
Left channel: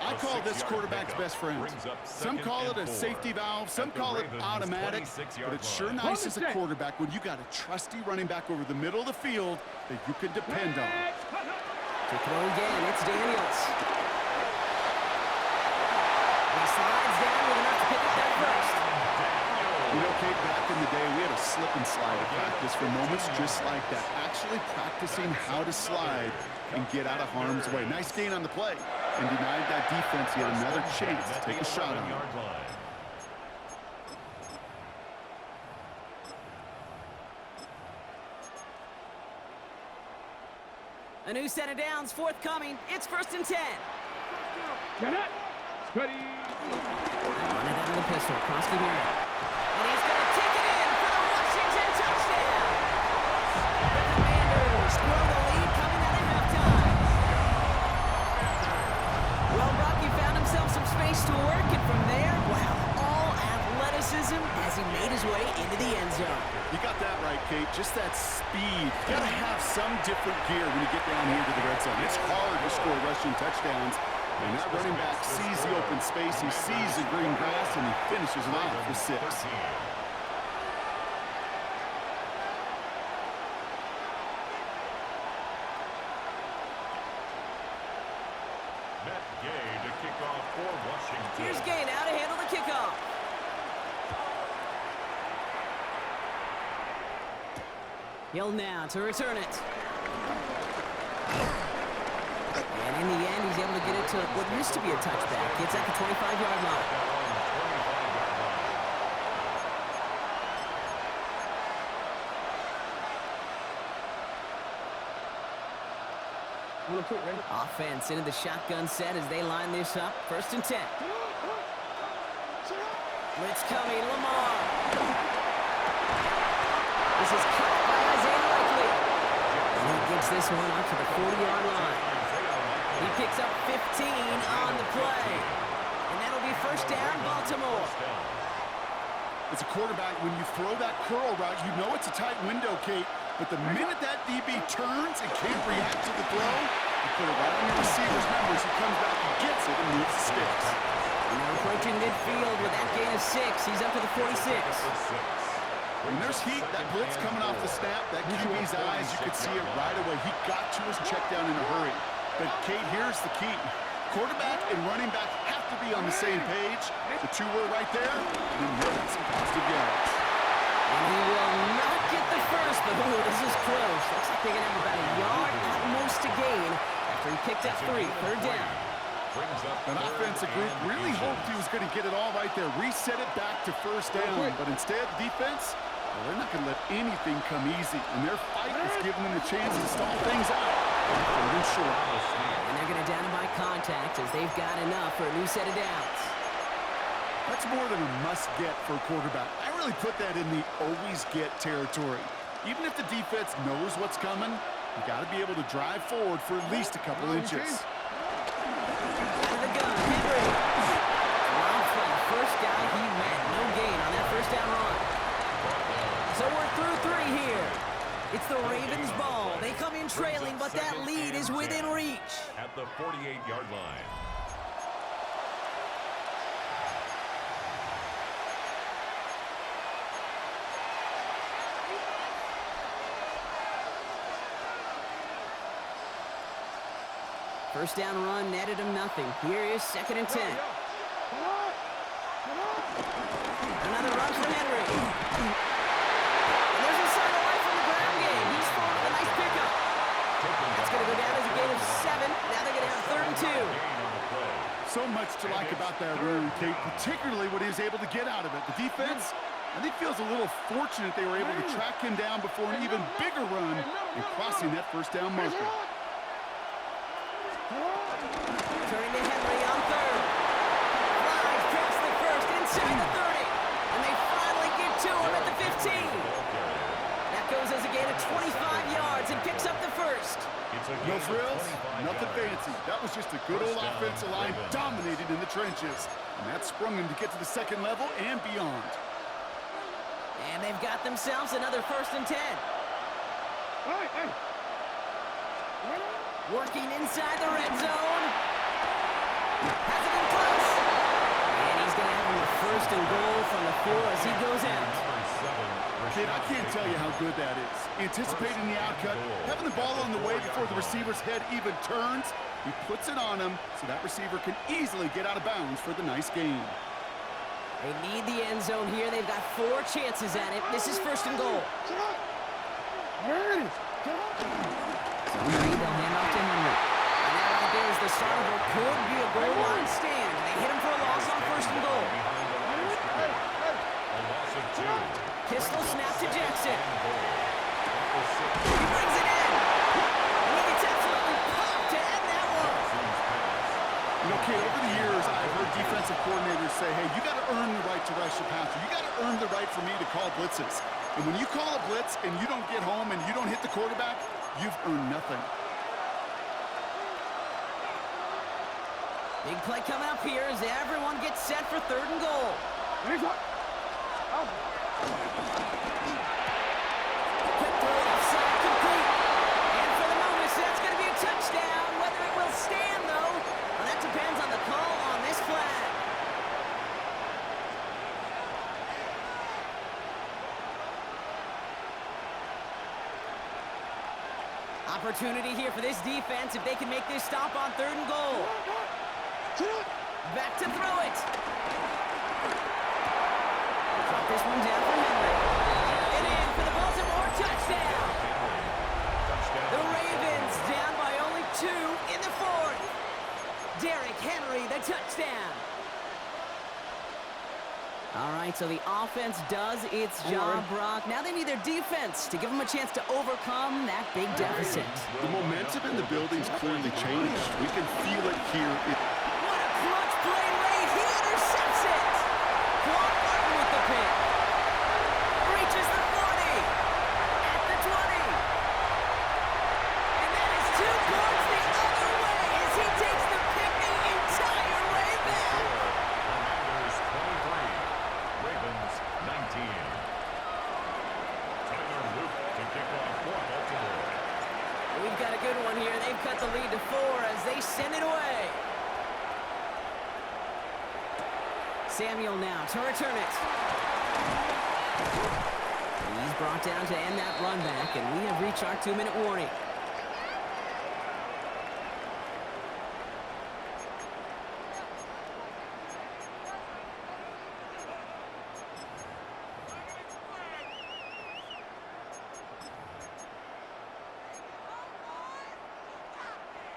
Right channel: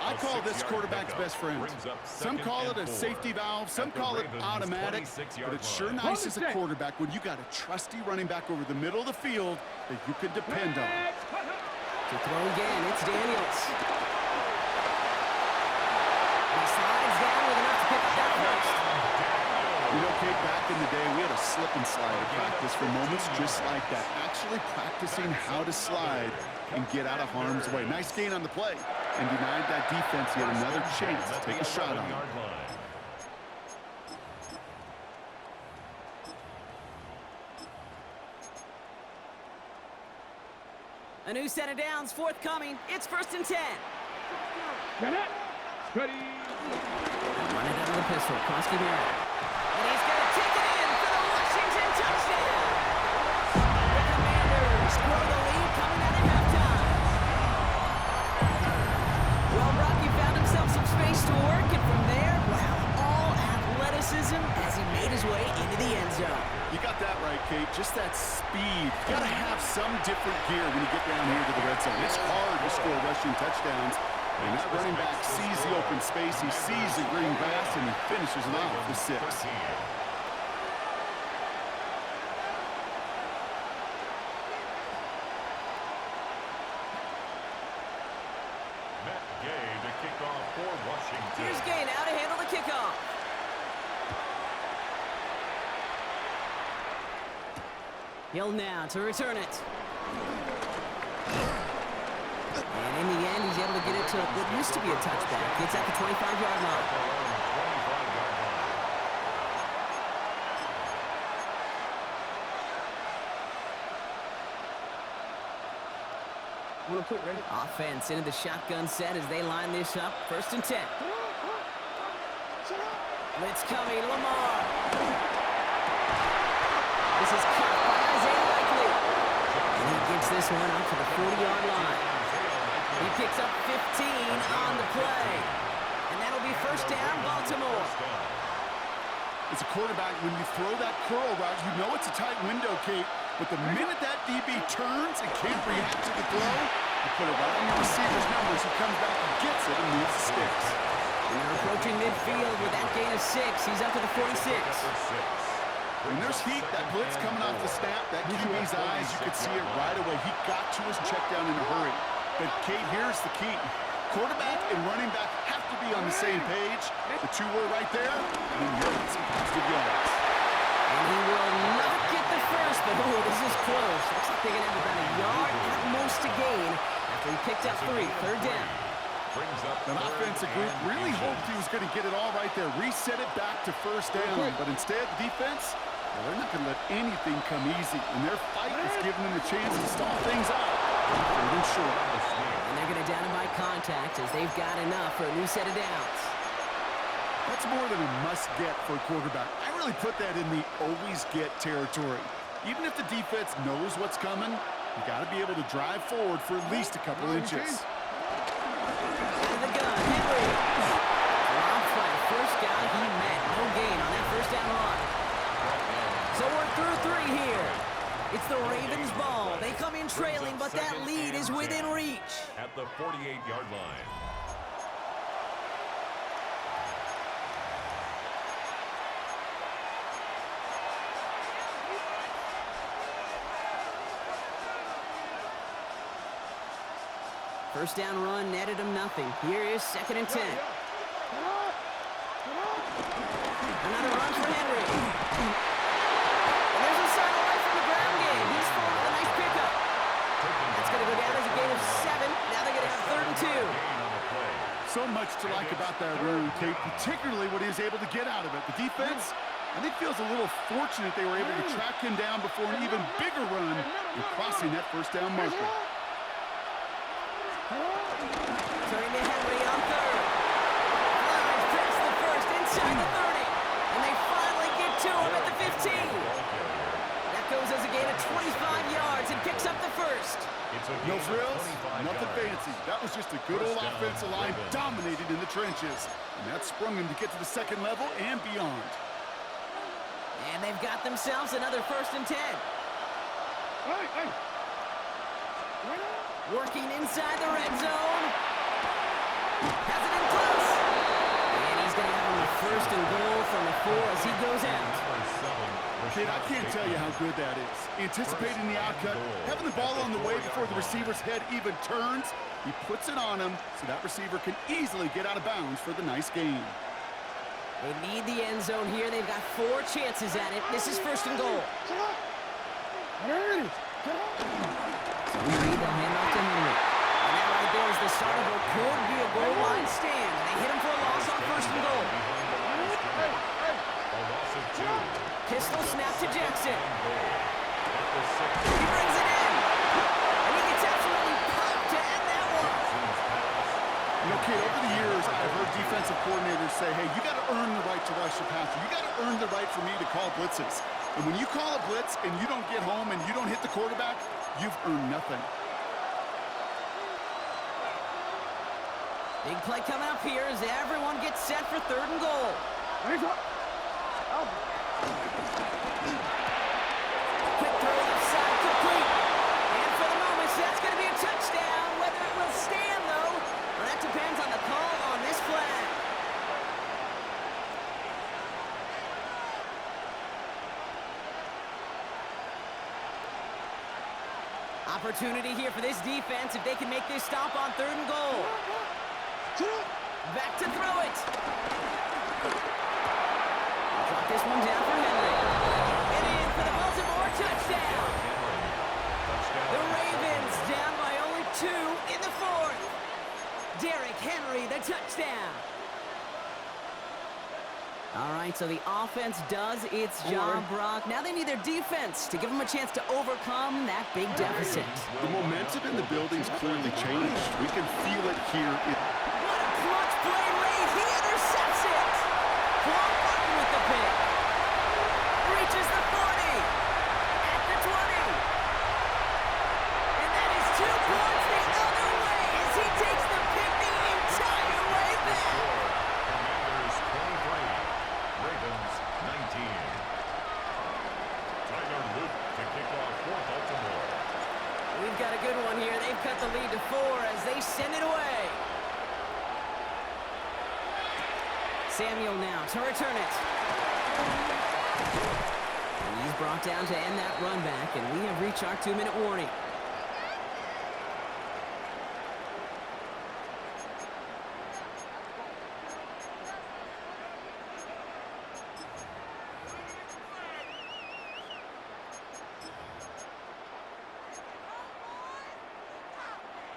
I call this quarterback's best friend. Some call it a safety valve, some call it automatic, but it's sure nice as a quarterback when you got a trusty running back over the middle of the field that you can depend on. To throw again, it's Daniels. He slides down with enough to pick up that first. You know, Kate, back in the day, we had a slip and slide at practice for moments just like that. Actually practicing how to slide and get out of harm's way. Nice gain on the play. And denied that defense yet another chance to take a shot on him. A new set of downs forthcoming. It's 1st and 10. Get it. Ready. Run it out of the pistol. Krosky Merritt. And he's going to take it in for the Washington touchdown. The Commanders grow the lead coming out of halftime. Well, Brock, he found himself some space to work, and from there, wow, all athleticism as he made his way into the end zone. You got that right, Kate. Just that speed. You got to have some different gear when you get down here to the red zone. It's hard to score rushing touchdowns. And that running back sees the open space, he sees the green grass, and he finishes it off with 6. Matt Gay to kick off for Washington. Here's Gay now to handle the kickoff. Hill now to return it. And in the end, he's able to get it to what used to be a touchback. It's at the 25-yard line. Want to put ready? Offense into the shotgun set as they line this up. 1st and 10. Blitz coming, Lamar. This is cut by Isaiah Likely. And he gets this one up to the 40-yard line. He picks up 15 on the play. And that'll be first down, Baltimore. As a quarterback, when you throw that curl route, you know it's a tight window, Kate. But the minute that DB turns and can't react to the throw, you put it right on your receiver's numbers. He comes back and gets it and moves the sticks. And they're approaching midfield with that gain of 6. He's up to the 46. When there's heat, that blitz coming off the snap, that QB's eyes, you could see it right away. He got to his check down in a hurry. But, Kate, here's the key. Quarterback and running back have to be on the same page. The two were right there, and then you'll get some positive yards. And he will not get the first, but oh, this is close. Looks like they're going to have about a yard at most to gain after he picked up 3. Third down. That offensive group really hoped he was going to get it all right there, reset it back to first down, but instead, the defense, well, they're not going to let anything come easy, and their fight is giving them a chance to stall things out. Third and short. And they're going to down him by contact as they've got enough for a new set of downs. That's more than a must-get for a quarterback. I really put that in the always-get territory. Even if the defense knows what's coming, you got to be able to drive forward for at least a couple inches. Out of the gun, Henry. Dropped by the first guy he met. No gain on that first down run. So we're through 3 here. It's the Ravens' ball. They come in trailing, but that lead is within reach. At the 48-yard line. First down run netted him nothing. Here is 2nd and 10. Another run for Henry. And there's a sign of life from the ground game. He's full with a nice pickup. That's going to go down as a gain of 7. Now they're going to have 3rd and 2. So much to like about that run, Kate, particularly what he was able to get out of it. The defense, I think, feels a little fortunate they were able to track him down before an even bigger run and crossing that first down marker. Turning to Henry on 3rd. Flies past the 1st inside the 30. And they finally get to him at the 15. That goes as a gain of 25 yards and picks up the 1st. No frills, nothing fancy. That was just a good old offensive line dominated in the trenches. And that sprung him to get to the 2nd level and beyond. And they've got themselves another 1st and 10. Hey. Working inside the red zone. Has it in close. And he's going to have him the 1st and goal from the 4 as he goes out. Kid, I can't tell you how good that is. Anticipating the outcut, having the ball on the way before the receiver's head even turns, he puts it on him so that receiver can easily get out of bounds for the nice gain. They need the end zone here. They've got 4 chances at it. This is 1st and goal. There it is. So Henry, they'll hand off to Henry. And that right there is the start of what could be a goal line stand. They hit him for a loss on 1st and goal. A loss of 2. Pistol snap to Jackson. He brings it in. And he gets absolutely popped to end that one. You know, kid, over the years, I've heard defensive coordinators say, hey, you got to earn the right to rush the passer. You got to earn the right for me to call blitzes. And when you call a blitz and you don't get home and you don't hit the quarterback, you've earned nothing. Big play coming up here as everyone gets set for 3rd and goal. Quick throw left side complete. And for the moment, that's going to be a touchdown. Whether it will stand, though, well, that depends on the call on this flag. Opportunity here for this defense if they can make this stop on 3rd and goal. Back to throw it. Drop this one down for Henry. And in for the Baltimore touchdown. The Ravens down by only 2 in the 4th. Derrick Henry, the touchdown. All right, so the offense does its job, Brock. Now they need their defense to give them a chance to overcome that big deficit. The momentum in the building's clearly changed. We can feel it here. What a clutch play late. He intercepts it. Quan pick. Reaches the 40. At the 20. And that is 2 points the other way as he takes the pick the entire way back. Commanders 23, Ravens 19. Tyler Luke to kick off for Baltimore. We've got a good one here. They've cut the lead to 4 as they send it away. Samuel now to return it. And he's brought down to end that run back, and we have reached our 2-minute warning.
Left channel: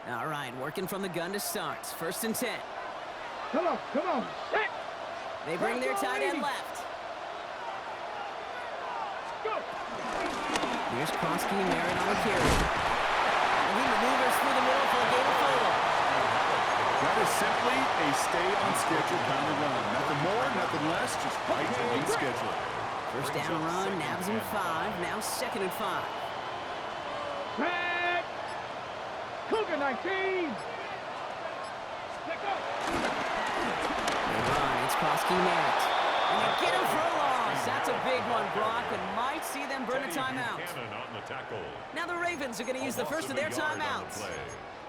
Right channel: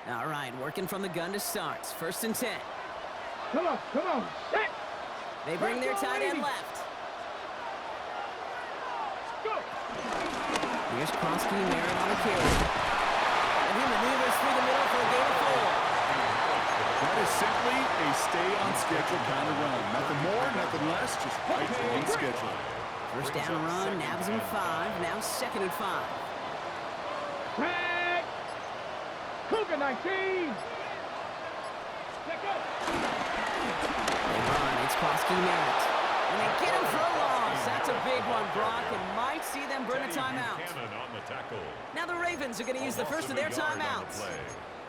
All right, working from the gun to start. 1st and 10. Come on, set. They bring their tight end left. Go. Here's Krosky Merritt on the carry. And he maneuvers through the middle for a gain of 4. That is simply a stay-on-schedule kind of run. Nothing more, nothing less, just right on schedule. First down run, nabs him 5. Now 2nd and 5. Tag. Cougar 19. Let go. They run. It's Krosky Merritt. And they get him for a loss. That's a big one, Brock, and might see them burn a timeout. On the tackle. Now the Ravens are going to use the first of their timeouts.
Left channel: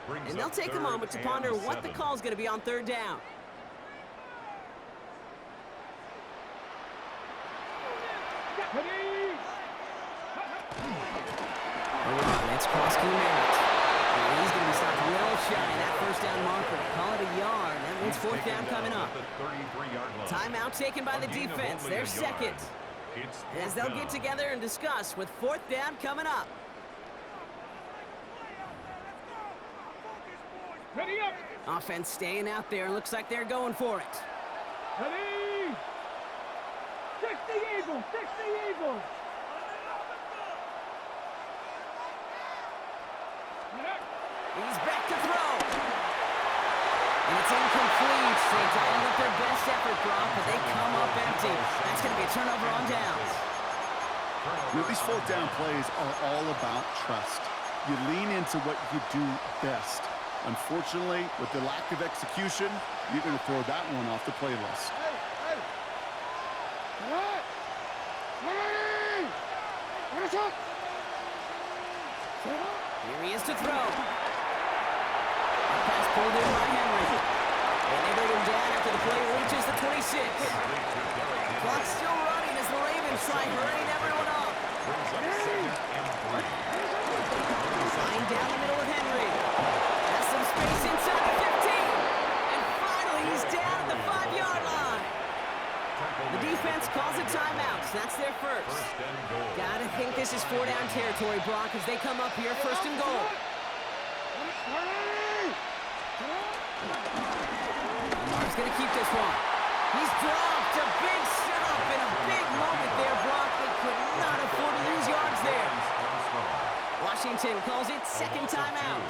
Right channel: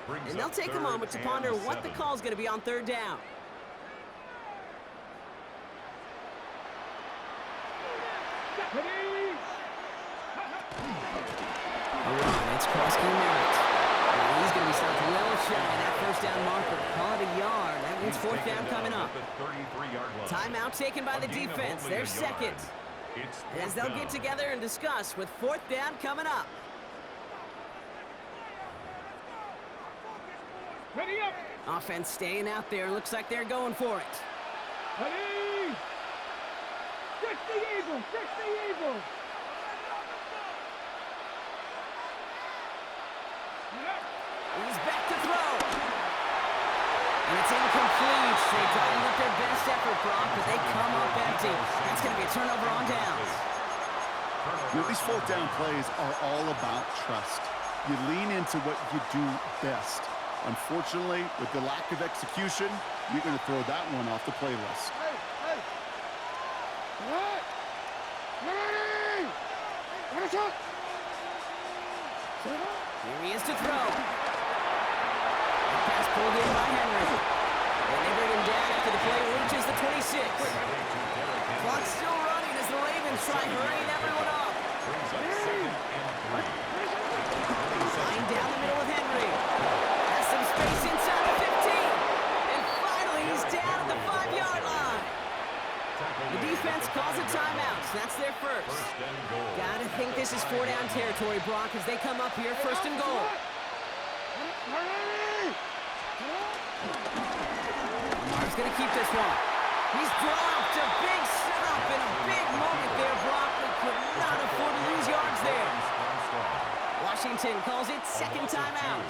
And they'll take a moment to ponder what the call is going to be on 3rd down. Ready. A run. It's Krosky Merritt. And he's going to be stopped well shy of that 1st down marker. Call it a yard. That means 4th down coming up. Timeout taken by the defense. Their 2nd. As they'll get together and discuss with 4th down coming up. Ready up. Offense staying out there. Looks like they're going for it. Ready. Fix the eagle. Fix the eagle. He's back to throw. And it's incomplete. They dialed up their best effort, Brock, but they come up empty. That's going to be a turnover on downs. You know, these 4th down plays are all about trust. You lean into what you do best. Unfortunately, with the lack of execution, you're going to throw that one off the playlist. Hey. What? Ready. What is it? Here he is to throw. Pass pulled in by Henry. And they bring him down after the play reaches the 26. Clock still running as the Ravens try hurrying everyone up. Flying down the middle with Henry. Has some space inside the 15. And finally, he's down at the 5-yard line. The defense calls a timeout. That's their first. Gotta think this is 4-down territory, Brock, as they come up here 1st and goal. Lamar's gonna keep this one. He's dropped a big stop in a big moment there, Brock. They could not afford to lose yards there. Washington calls it 2nd timeout.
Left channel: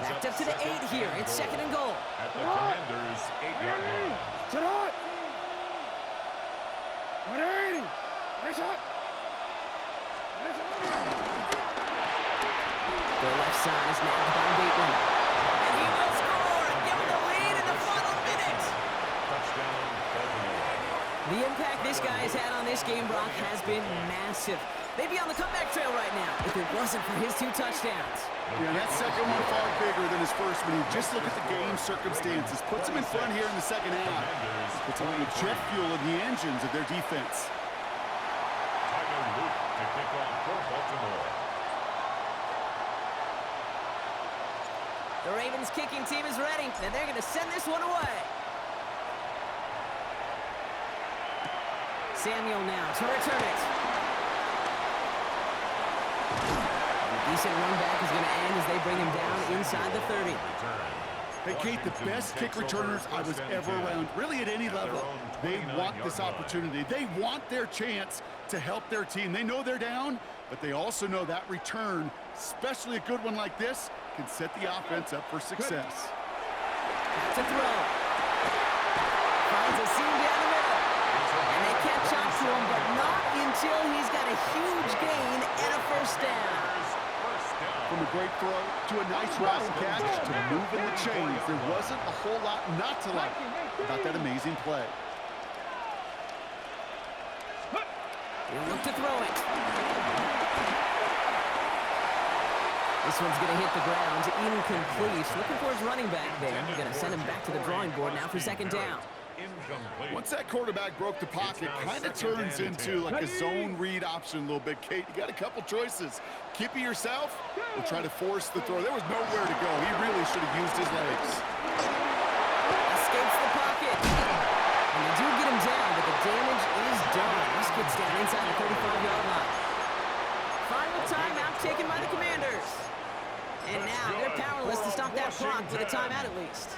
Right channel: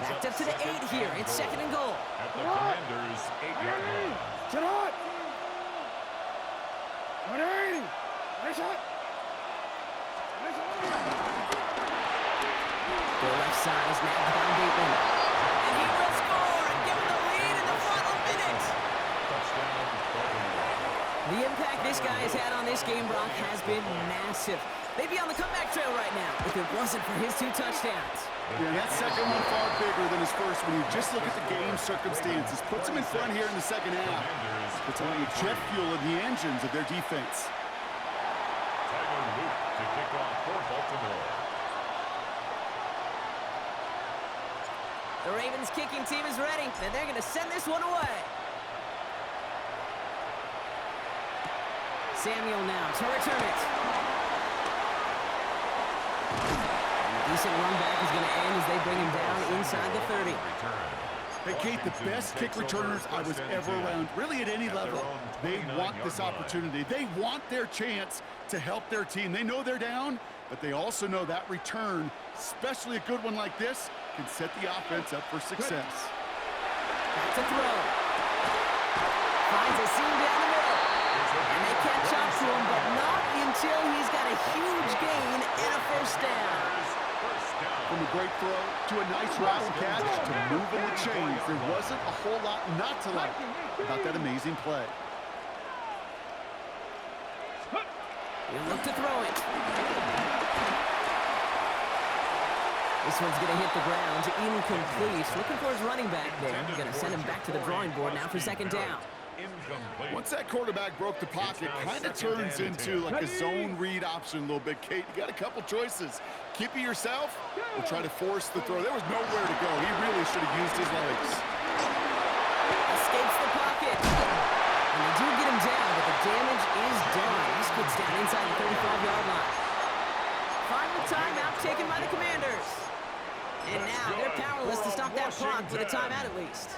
Backed up to the 8 here. It's 2nd and goal. At the Commanders' 8-yard line. Sit on. Ready. Ready, shot. The left side is nabbed by Bateman. And he will score and give him the lead in the final minute. Touchdown, Baltimore. The impact this guy has had on this game, Brock, has been massive. They'd be on the comeback trail right now if it wasn't for his 2 touchdowns. Yeah, that second one far bigger than his first when you just look at the game circumstances. Puts him in front here in the second half. Puts him with jet fuel in the engines of their defense. Tyler Luke to kick off for Baltimore. The Ravens kicking team is ready, and they're going to send this one away. Samuel now to return it. Decent run back is going to end as they bring him down inside the 30. Hey, Kate, the best kick returners I was ever around, really at any level, they want this opportunity. They want their chance to help their team. They know they're down, but they also know that return, especially a good one like this, can set the offense up for success. Back to throw. Finds a seam down the middle. And they catch up to him, but not until he's got a huge gain and a first down. From a great throw to a nice route and catch to moving the chains, there wasn't a whole lot not to like about that amazing play. He'll look to throw it. This one's going to hit the ground, incomplete. Looking for his running back there. Going to send him back to the drawing board now for second down. Once that quarterback broke the pocket, kind of turns into like a zone read option a little bit. Kate, you got a couple choices. Keep it yourself or try to force the throw. There was nowhere to go. He really should have used his legs. Escapes the pocket. And they do get him down, but the damage is done. He skids down inside the 35-yard line. Final timeout taken by the Commanders. And now they're powerless to stop that clock with a timeout at least.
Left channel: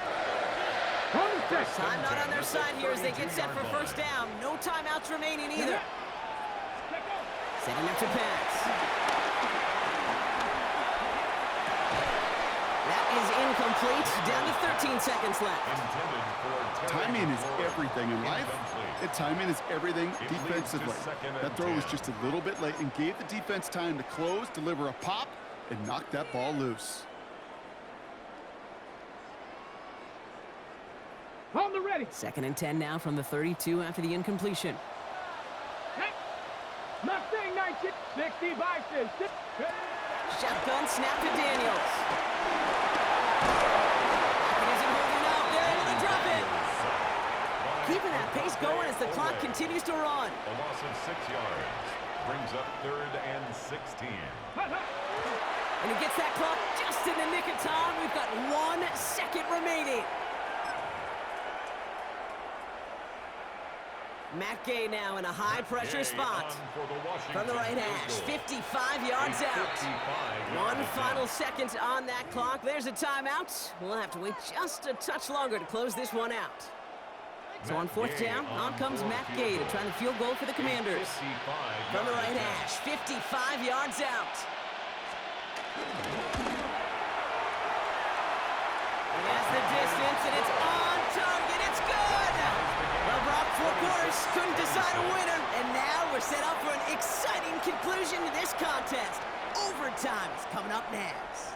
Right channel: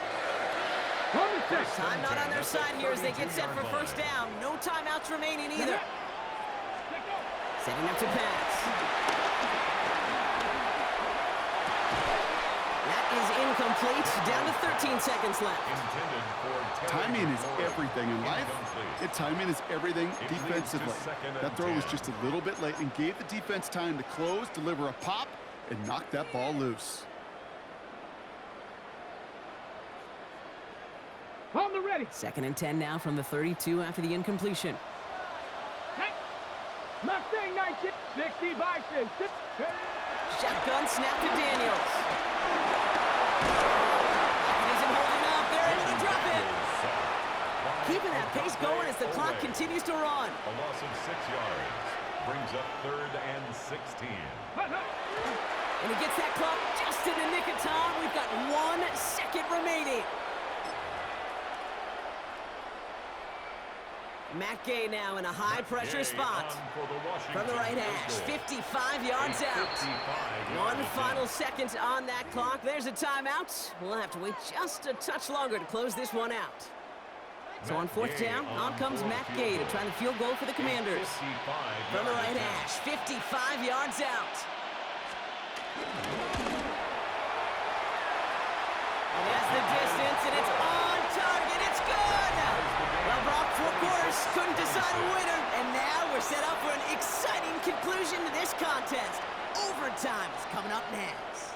Time not on their side here as they get set for first down. No timeouts remaining either. Setting up to pass. That is incomplete. Down to 13 seconds left. Timing is everything in life. And timing is everything defensively. That throw was just a little bit late and gave the defense time to close, deliver a pop, and knock that ball loose. On the ready. Second and 10 now from the 32 after the incompletion. Hey. Mustang 19. 65. Shotgun snap to Daniels. Pocket isn't holding up. They're into the drop in. Keeping that pace going as the clock continues to run. A loss of 6 yards brings up 3rd and 16. And he gets that clock just in the nick of time. We've got 1 second remaining. Matt Gay now in a high-pressure spot. From the right hash, 55 yards out. 1 final second on that clock. There's a timeout. We'll have to wait just a touch longer to close this one out. So on 4th down, on comes Matt Gay to try the field goal for the Commanders. From the right hash, 55 yards out. And that's the distance, and it's on target. It's good! Well, Brock, 4 quarters couldn't decide a winner, and now we're set up for an exciting conclusion to this contest. Overtime is coming up next.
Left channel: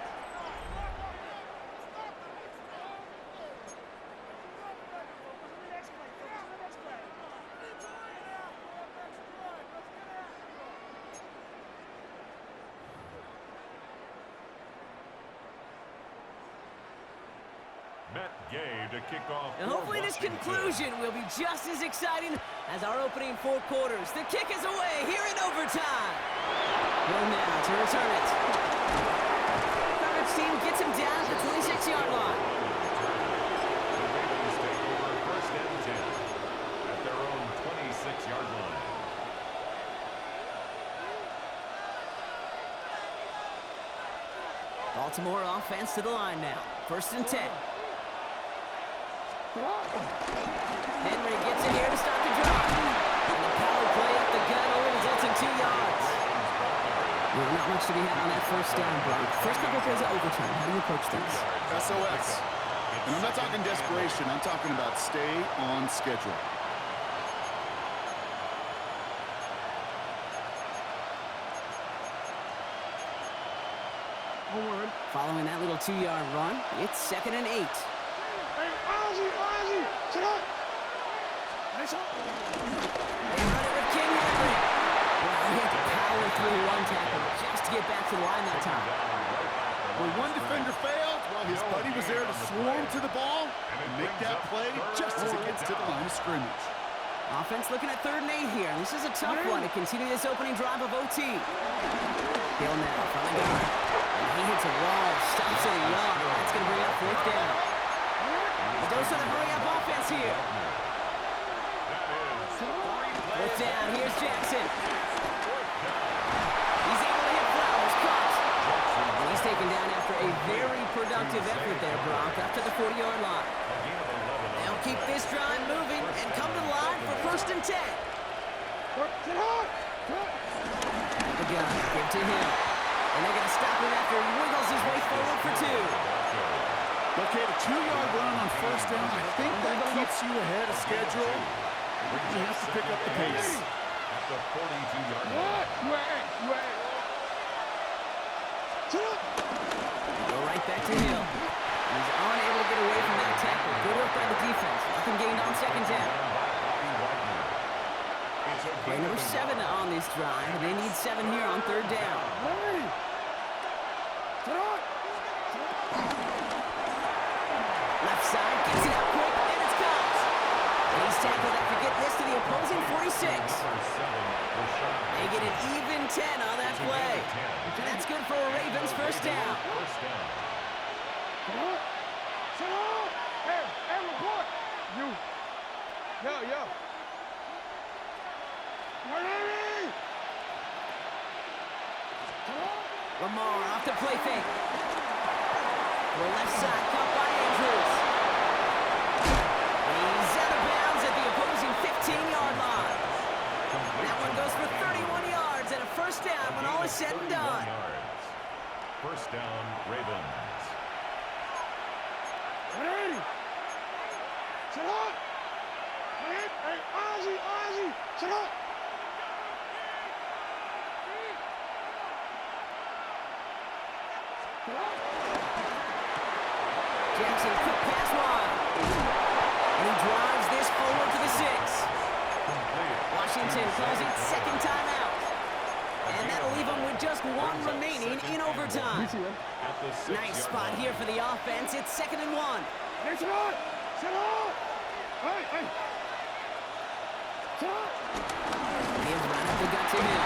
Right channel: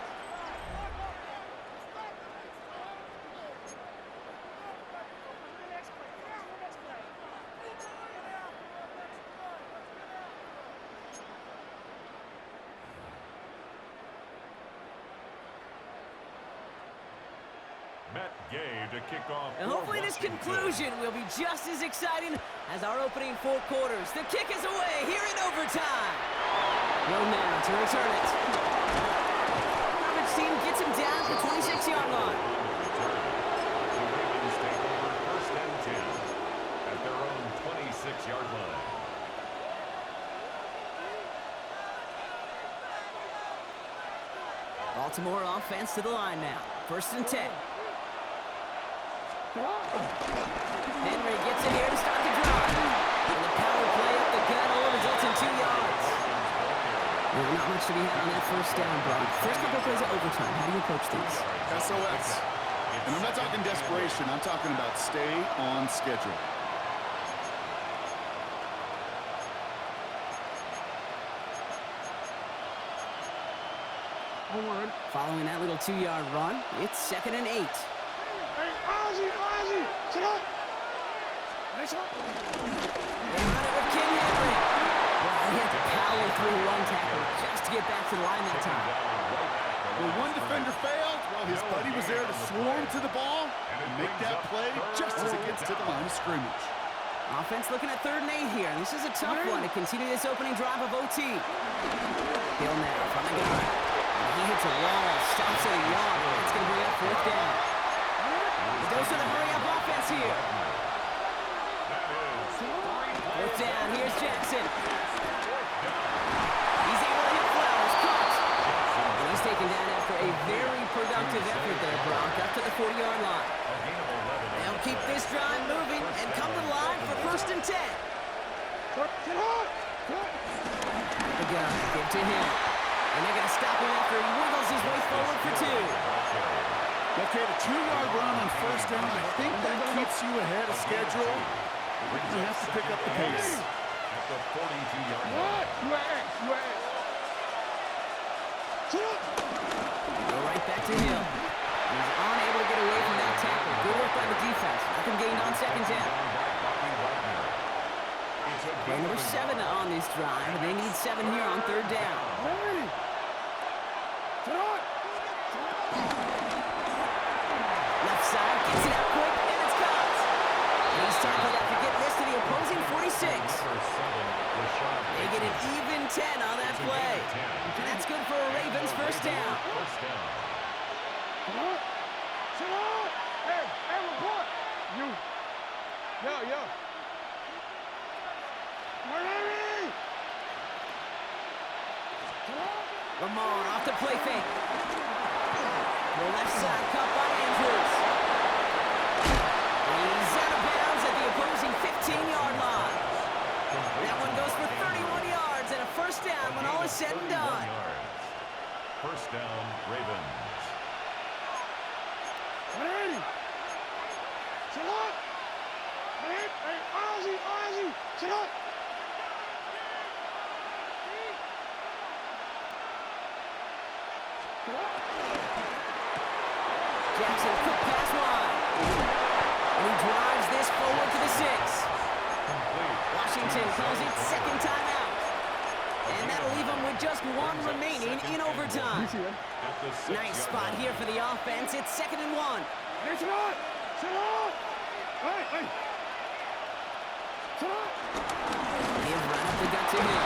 Matt Gay to kick off. And hopefully this conclusion will be just as exciting as our opening 4 quarters. The kick is away here in overtime. Hill now to return it. Coverage team gets him down at the 26-yard line. The Ravens take over 1st and 10 at their own 26-yard line. Baltimore offense to the line now. 1st and 10. Henry gets it here to start the drive. And the power play up the gut only results in 2 yards. Not much to be had on that first down, Brock. First couple plays of overtime. How do you approach things? SOS. And I'm not talking desperation. I'm talking about stay on schedule. Following that little 2-yard run, it's 2nd and 8. Hey, Ozzy, sit up. Nice up. They run it with King Henry. Well, he had to power through 1 tackle just to get back to the line that time. When one defender failed, well, his buddy was there to swarm to the ball and make that play just as it gets to the line of scrimmage. Offense looking at 3rd and 8 here. This is a tough one to continue this opening drive of OT. Hill now from the gun. And he hits a wall, stops at a yard. That's going to bring up 4th down. The dose of the hurry-up offense here. 4th down, here's Jackson. He's able to hit Flowers, caught. And he's taken down after a very productive effort there, Brock, up to the 40-yard line. They'll keep this drive moving and come to the line for 1st and 10. The gun, give to him. And they're going to stop him after he wiggles his way forward for 2. Okay, the 2-yard run on 1st down, I think that keeps you ahead of schedule. You have to pick up the pace. At the 42-yard line. Go right back to Hill. He's unable to get away from that tackle. Good work by the defense. Nothing gained on second down. Play number 7 on this drive, and they need 7 here on third down. Left side, gets it out quick, and it's caught. And he's tackled after getting this to the opposing 46. They get an even 10 on that play. And that's good for a Ravens first down. Hey, report. Yo. Lamar off the play fake. The left side caught by Andrews. He's out of bounds at the opposing 15-yard line. That one goes for 31 yards and a first down when all is said and done. First down, Ravens. 180. Sit up. Hey, Ozzy. Sit up. Jackson, quick pass wide. And he drives this forward to the 6. Washington calls it second timeout. And that'll leave him with just one remaining in overtime. Nice spot here for the offense. It's 2nd and 1. Hey, sit up. Hey. Sit up. Give right up the gut to him.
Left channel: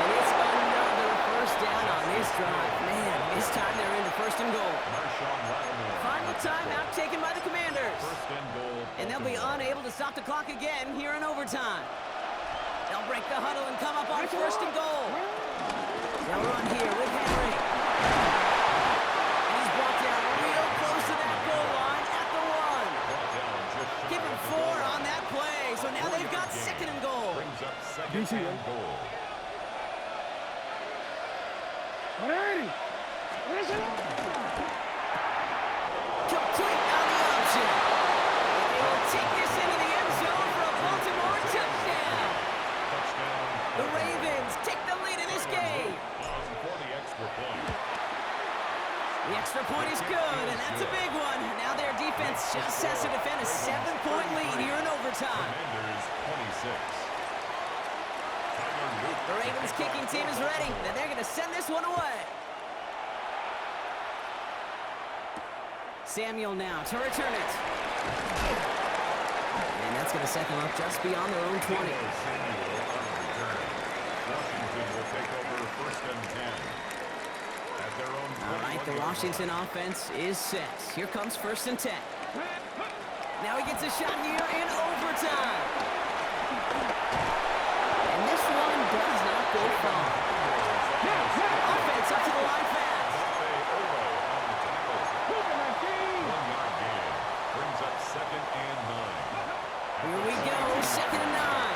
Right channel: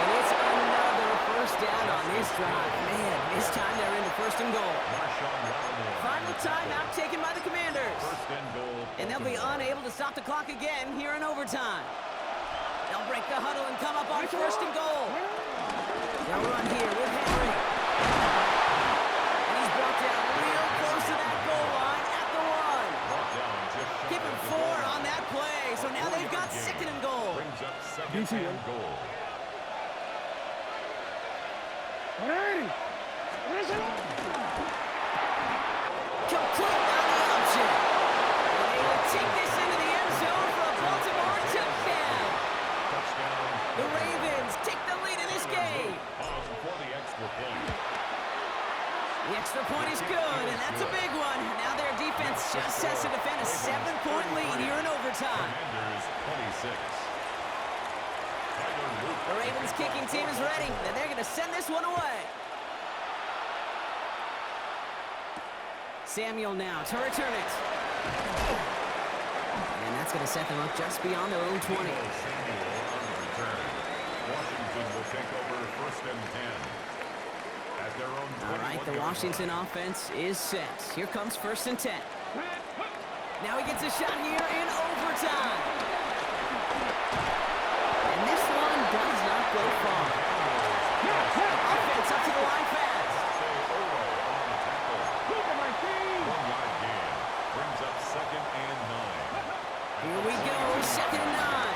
And it's another first down on this drive. Man, this time they're into 1st and goal. Final timeout taken by the Commanders. And they'll be unable to stop the clock again here in overtime. They'll break the huddle and come up on 1st and goal. They'll run here with Henry. And he's brought down real close to that goal line at the 1. Give him 4 on that play. So now they've got 2nd and goal. Brings up 2nd and goal. 180. Complete on the option. And they will take this into the end zone for a Baltimore touchdown. The Ravens take the lead in this game. For the extra point. The extra point is good, and that's a big one. Now their defense just has to defend a 7-point lead here in overtime. Commanders 26. The Ravens kicking team is ready, and they're going to send this one away. Samuel now to return it. And that's going to set them up just beyond their own 20. Samuel on the return. Washington will take over 1st and 10. At their own 21. All right, the Washington offense is set. Here comes 1st and 10. Now he gets a shot here in overtime. And this one does not go far. Offense up to the line fast. On the tackle. 1-yard gain. Brings up 2nd and 9. Here we go, 2nd and 9.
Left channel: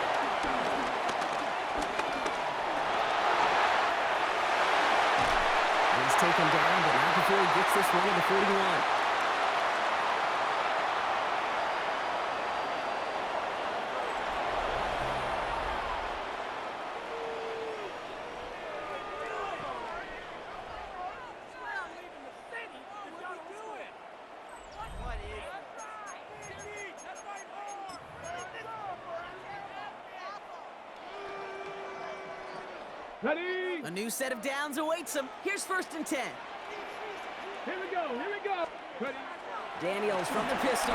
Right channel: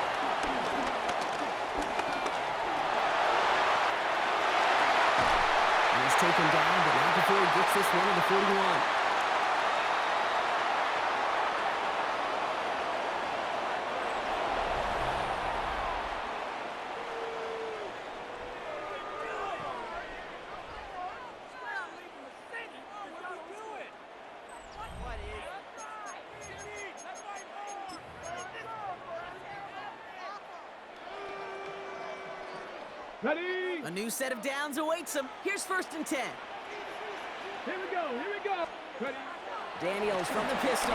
He's taken down, but not before he gets this one to the 41. Ready? A new set of downs awaits him. Here's 1st and 10. Here we go. Ready? Daniels from the pistol.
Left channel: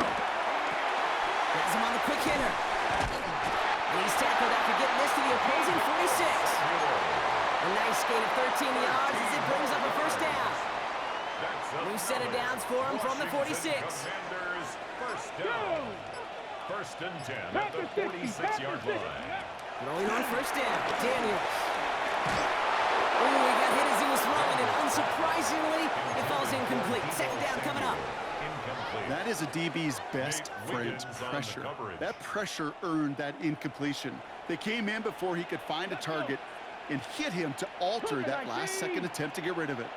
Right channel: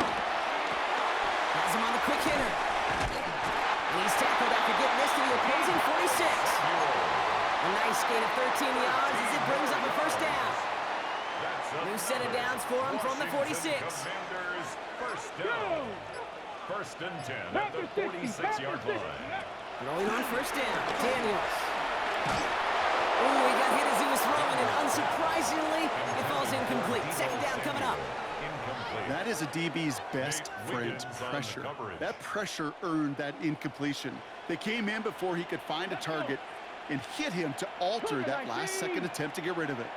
Has him on the quick hitter. And he's tackled after getting this to the opposing 46. A nice gain of 13 yards as it brings up a first down. New set of downs for him from the 46. Commanders first down. 1st and 10 at the 46-yard line. Throwing on first down, Daniels. Oh, he got hit as he was throwing, and unsurprisingly, it falls incomplete. 2nd down coming up. That is a DB's best friend, pressure. That pressure earned that incompletion. They came in before he could find a target and hit him to alter that last-second attempt to get rid of it.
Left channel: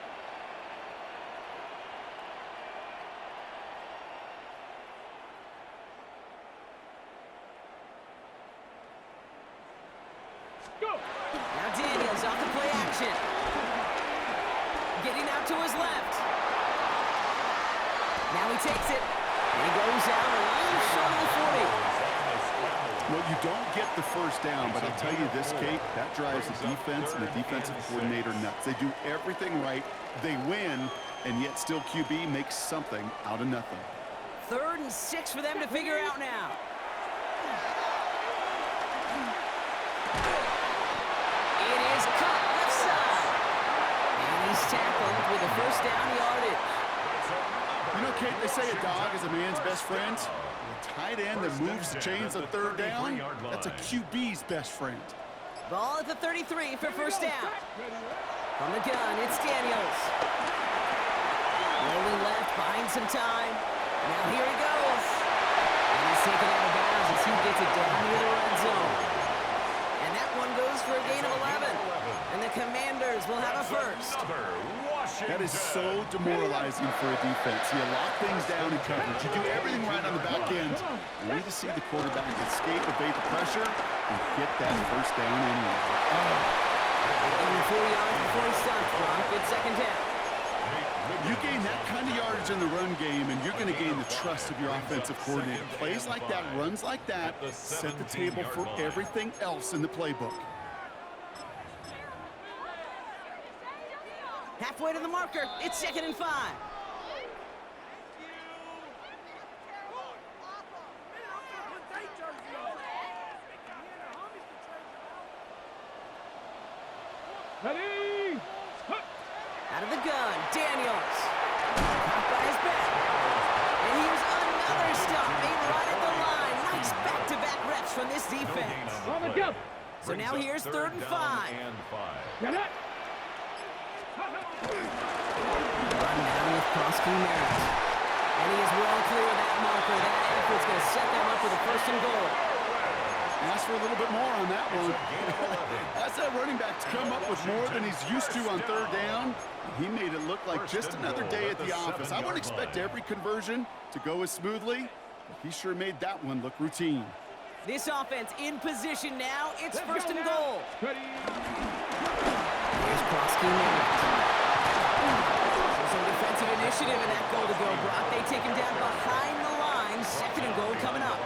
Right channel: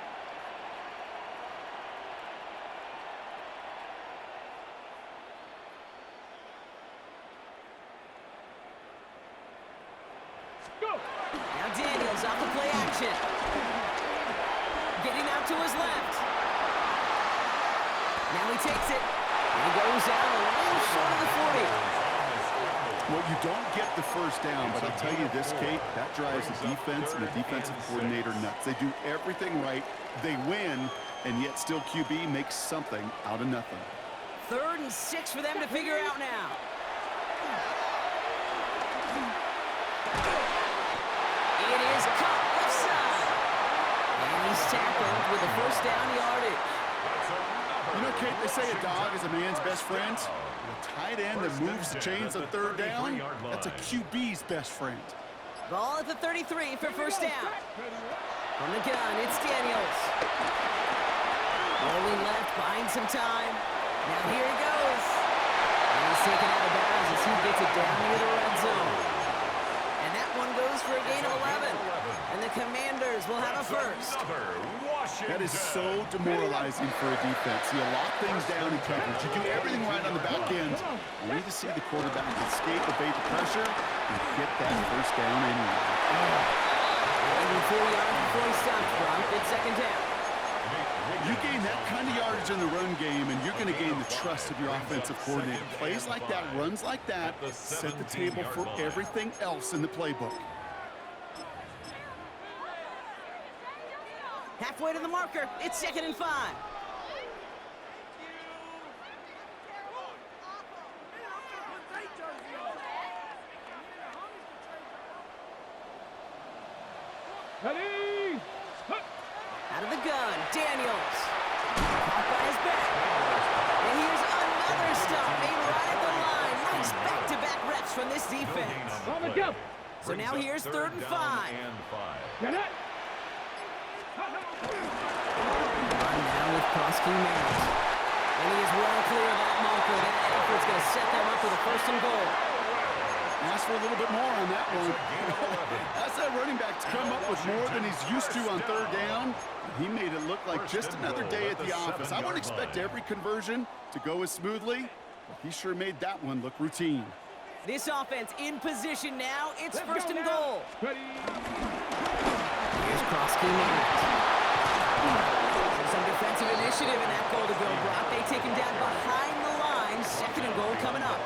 getting out to his left. Now he takes it, and he goes out a little short of the 40. Well, you don't get the first down, but I'll tell you this, Kate, that drives the defense and the defensive coordinator nuts. They do everything right, they win, and yet still QB makes something out of nothing. 3rd and 6 for them to figure out now. It is cut left side. And he's tackled with a first down yardage. You know, Kate, they say a dog is a man's best friend. The tight end that moves the chains on 3rd down, that's a QB's best friend. Ball at the 33 for first down. From the gun, it's Daniels. Rolling left, buying some time. Now here he goes. And he's taken out of bounds as he gets it down near the red zone. And that one goes for a gain of 11. And the Commanders will have a first. That is so demoralizing for a defense. You lock things down in coverage. You do everything right on the back end. Only to see the quarterback escape, evade the pressure, and get that first down anyway. Even 4 yards before he stops, Brock. It's second down. You gain that kind of yardage in the run game, and you're going to gain the trust of your offensive coordinator. Plays like that, runs like that, set the table for everything else in the playbook. Halfway to the marker, it's 2nd and 5. Ready? Out of the gun, Daniels. Caught by his back. And here's another stop made right at the line. Nice back-to-back reps from this defense. On the go. So now here's 3rd and 5. Get it. Run down with Prosky Merritt. And he is well clear of that marker. That effort's going to set them up with a 1st and goal. Ask for a little bit more on that one. That's that running back to come up with more than he's used to on 3rd down. He made it look like just another day at the office. I wouldn't expect every conversion to go as smoothly, but he sure made that one look routine. This offense in position now. It's 1st and goal. Ready? Here's Prosky Merritt. So some defensive initiative in that goal to go, Brock. They take him down behind the line. 2nd and goal coming up.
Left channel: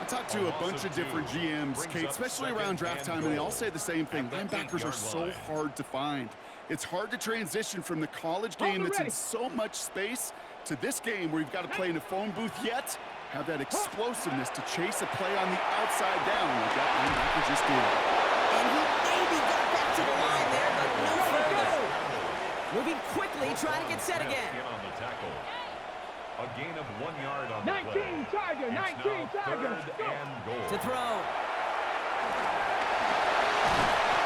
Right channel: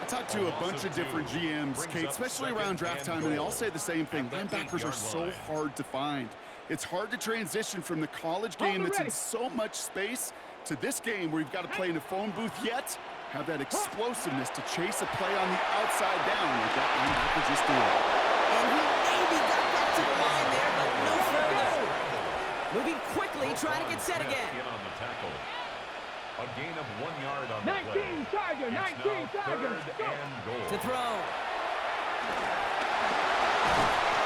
I talked to a bunch of different GMs, Kate, especially around draft time, and they all say the same thing. Linebackers are so hard to find. It's hard to transition from the college game that's in so much space to this game where you've got to play in a phone booth, yet have that explosiveness to chase a play on the outside down like that linebacker just did. And he maybe got back to the line there, but no further. Moving quickly, trying to get set again. A gain of 1 yard on the 19 play. Tiger, 19 Tiger. To throw.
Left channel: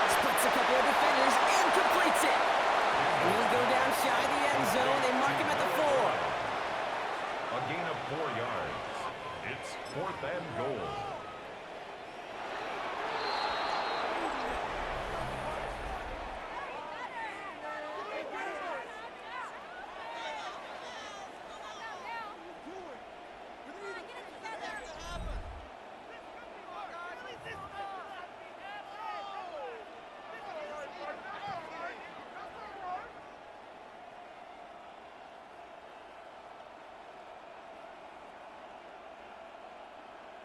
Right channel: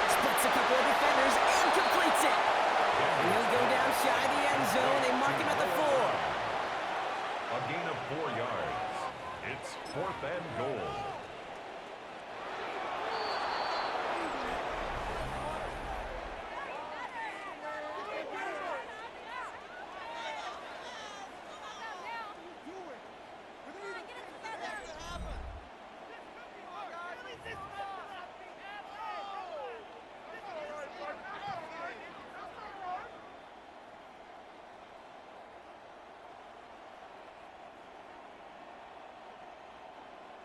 Splits a couple of defenders and completes it. And he'll go down shy of the end zone. They mark him at the 4. A gain of 4 yards. It's 4th and goal.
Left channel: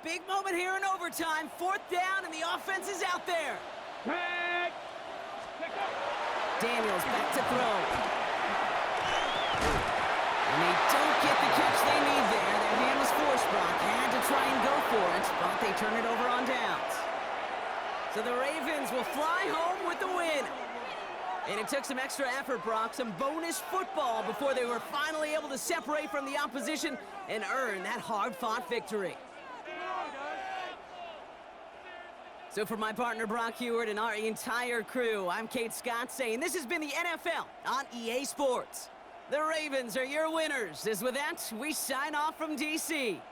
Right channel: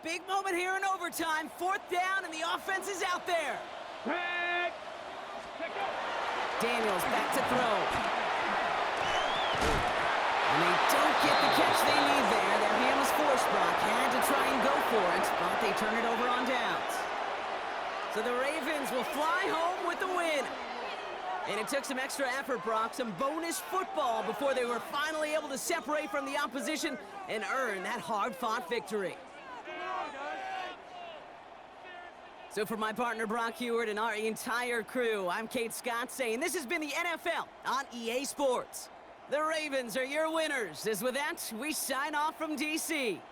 Big moment here in overtime. 4th down, and the offense is out there. Back. Daniels back to throw. And they don't get the catch they need there. Their hand was forced, Brock. Had to try and go for it, but they turn it over on downs. So the Ravens will fly home with the win. And it took some extra effort, Brock, some bonus football before they were finally able to separate from the opposition and earn that hard-fought victory. So for my partner, Brock Heward, and our entire crew, I'm Kate Scott saying this has been the NFL on EA Sports. The Ravens are your winners. As with that, we sign off from D.C.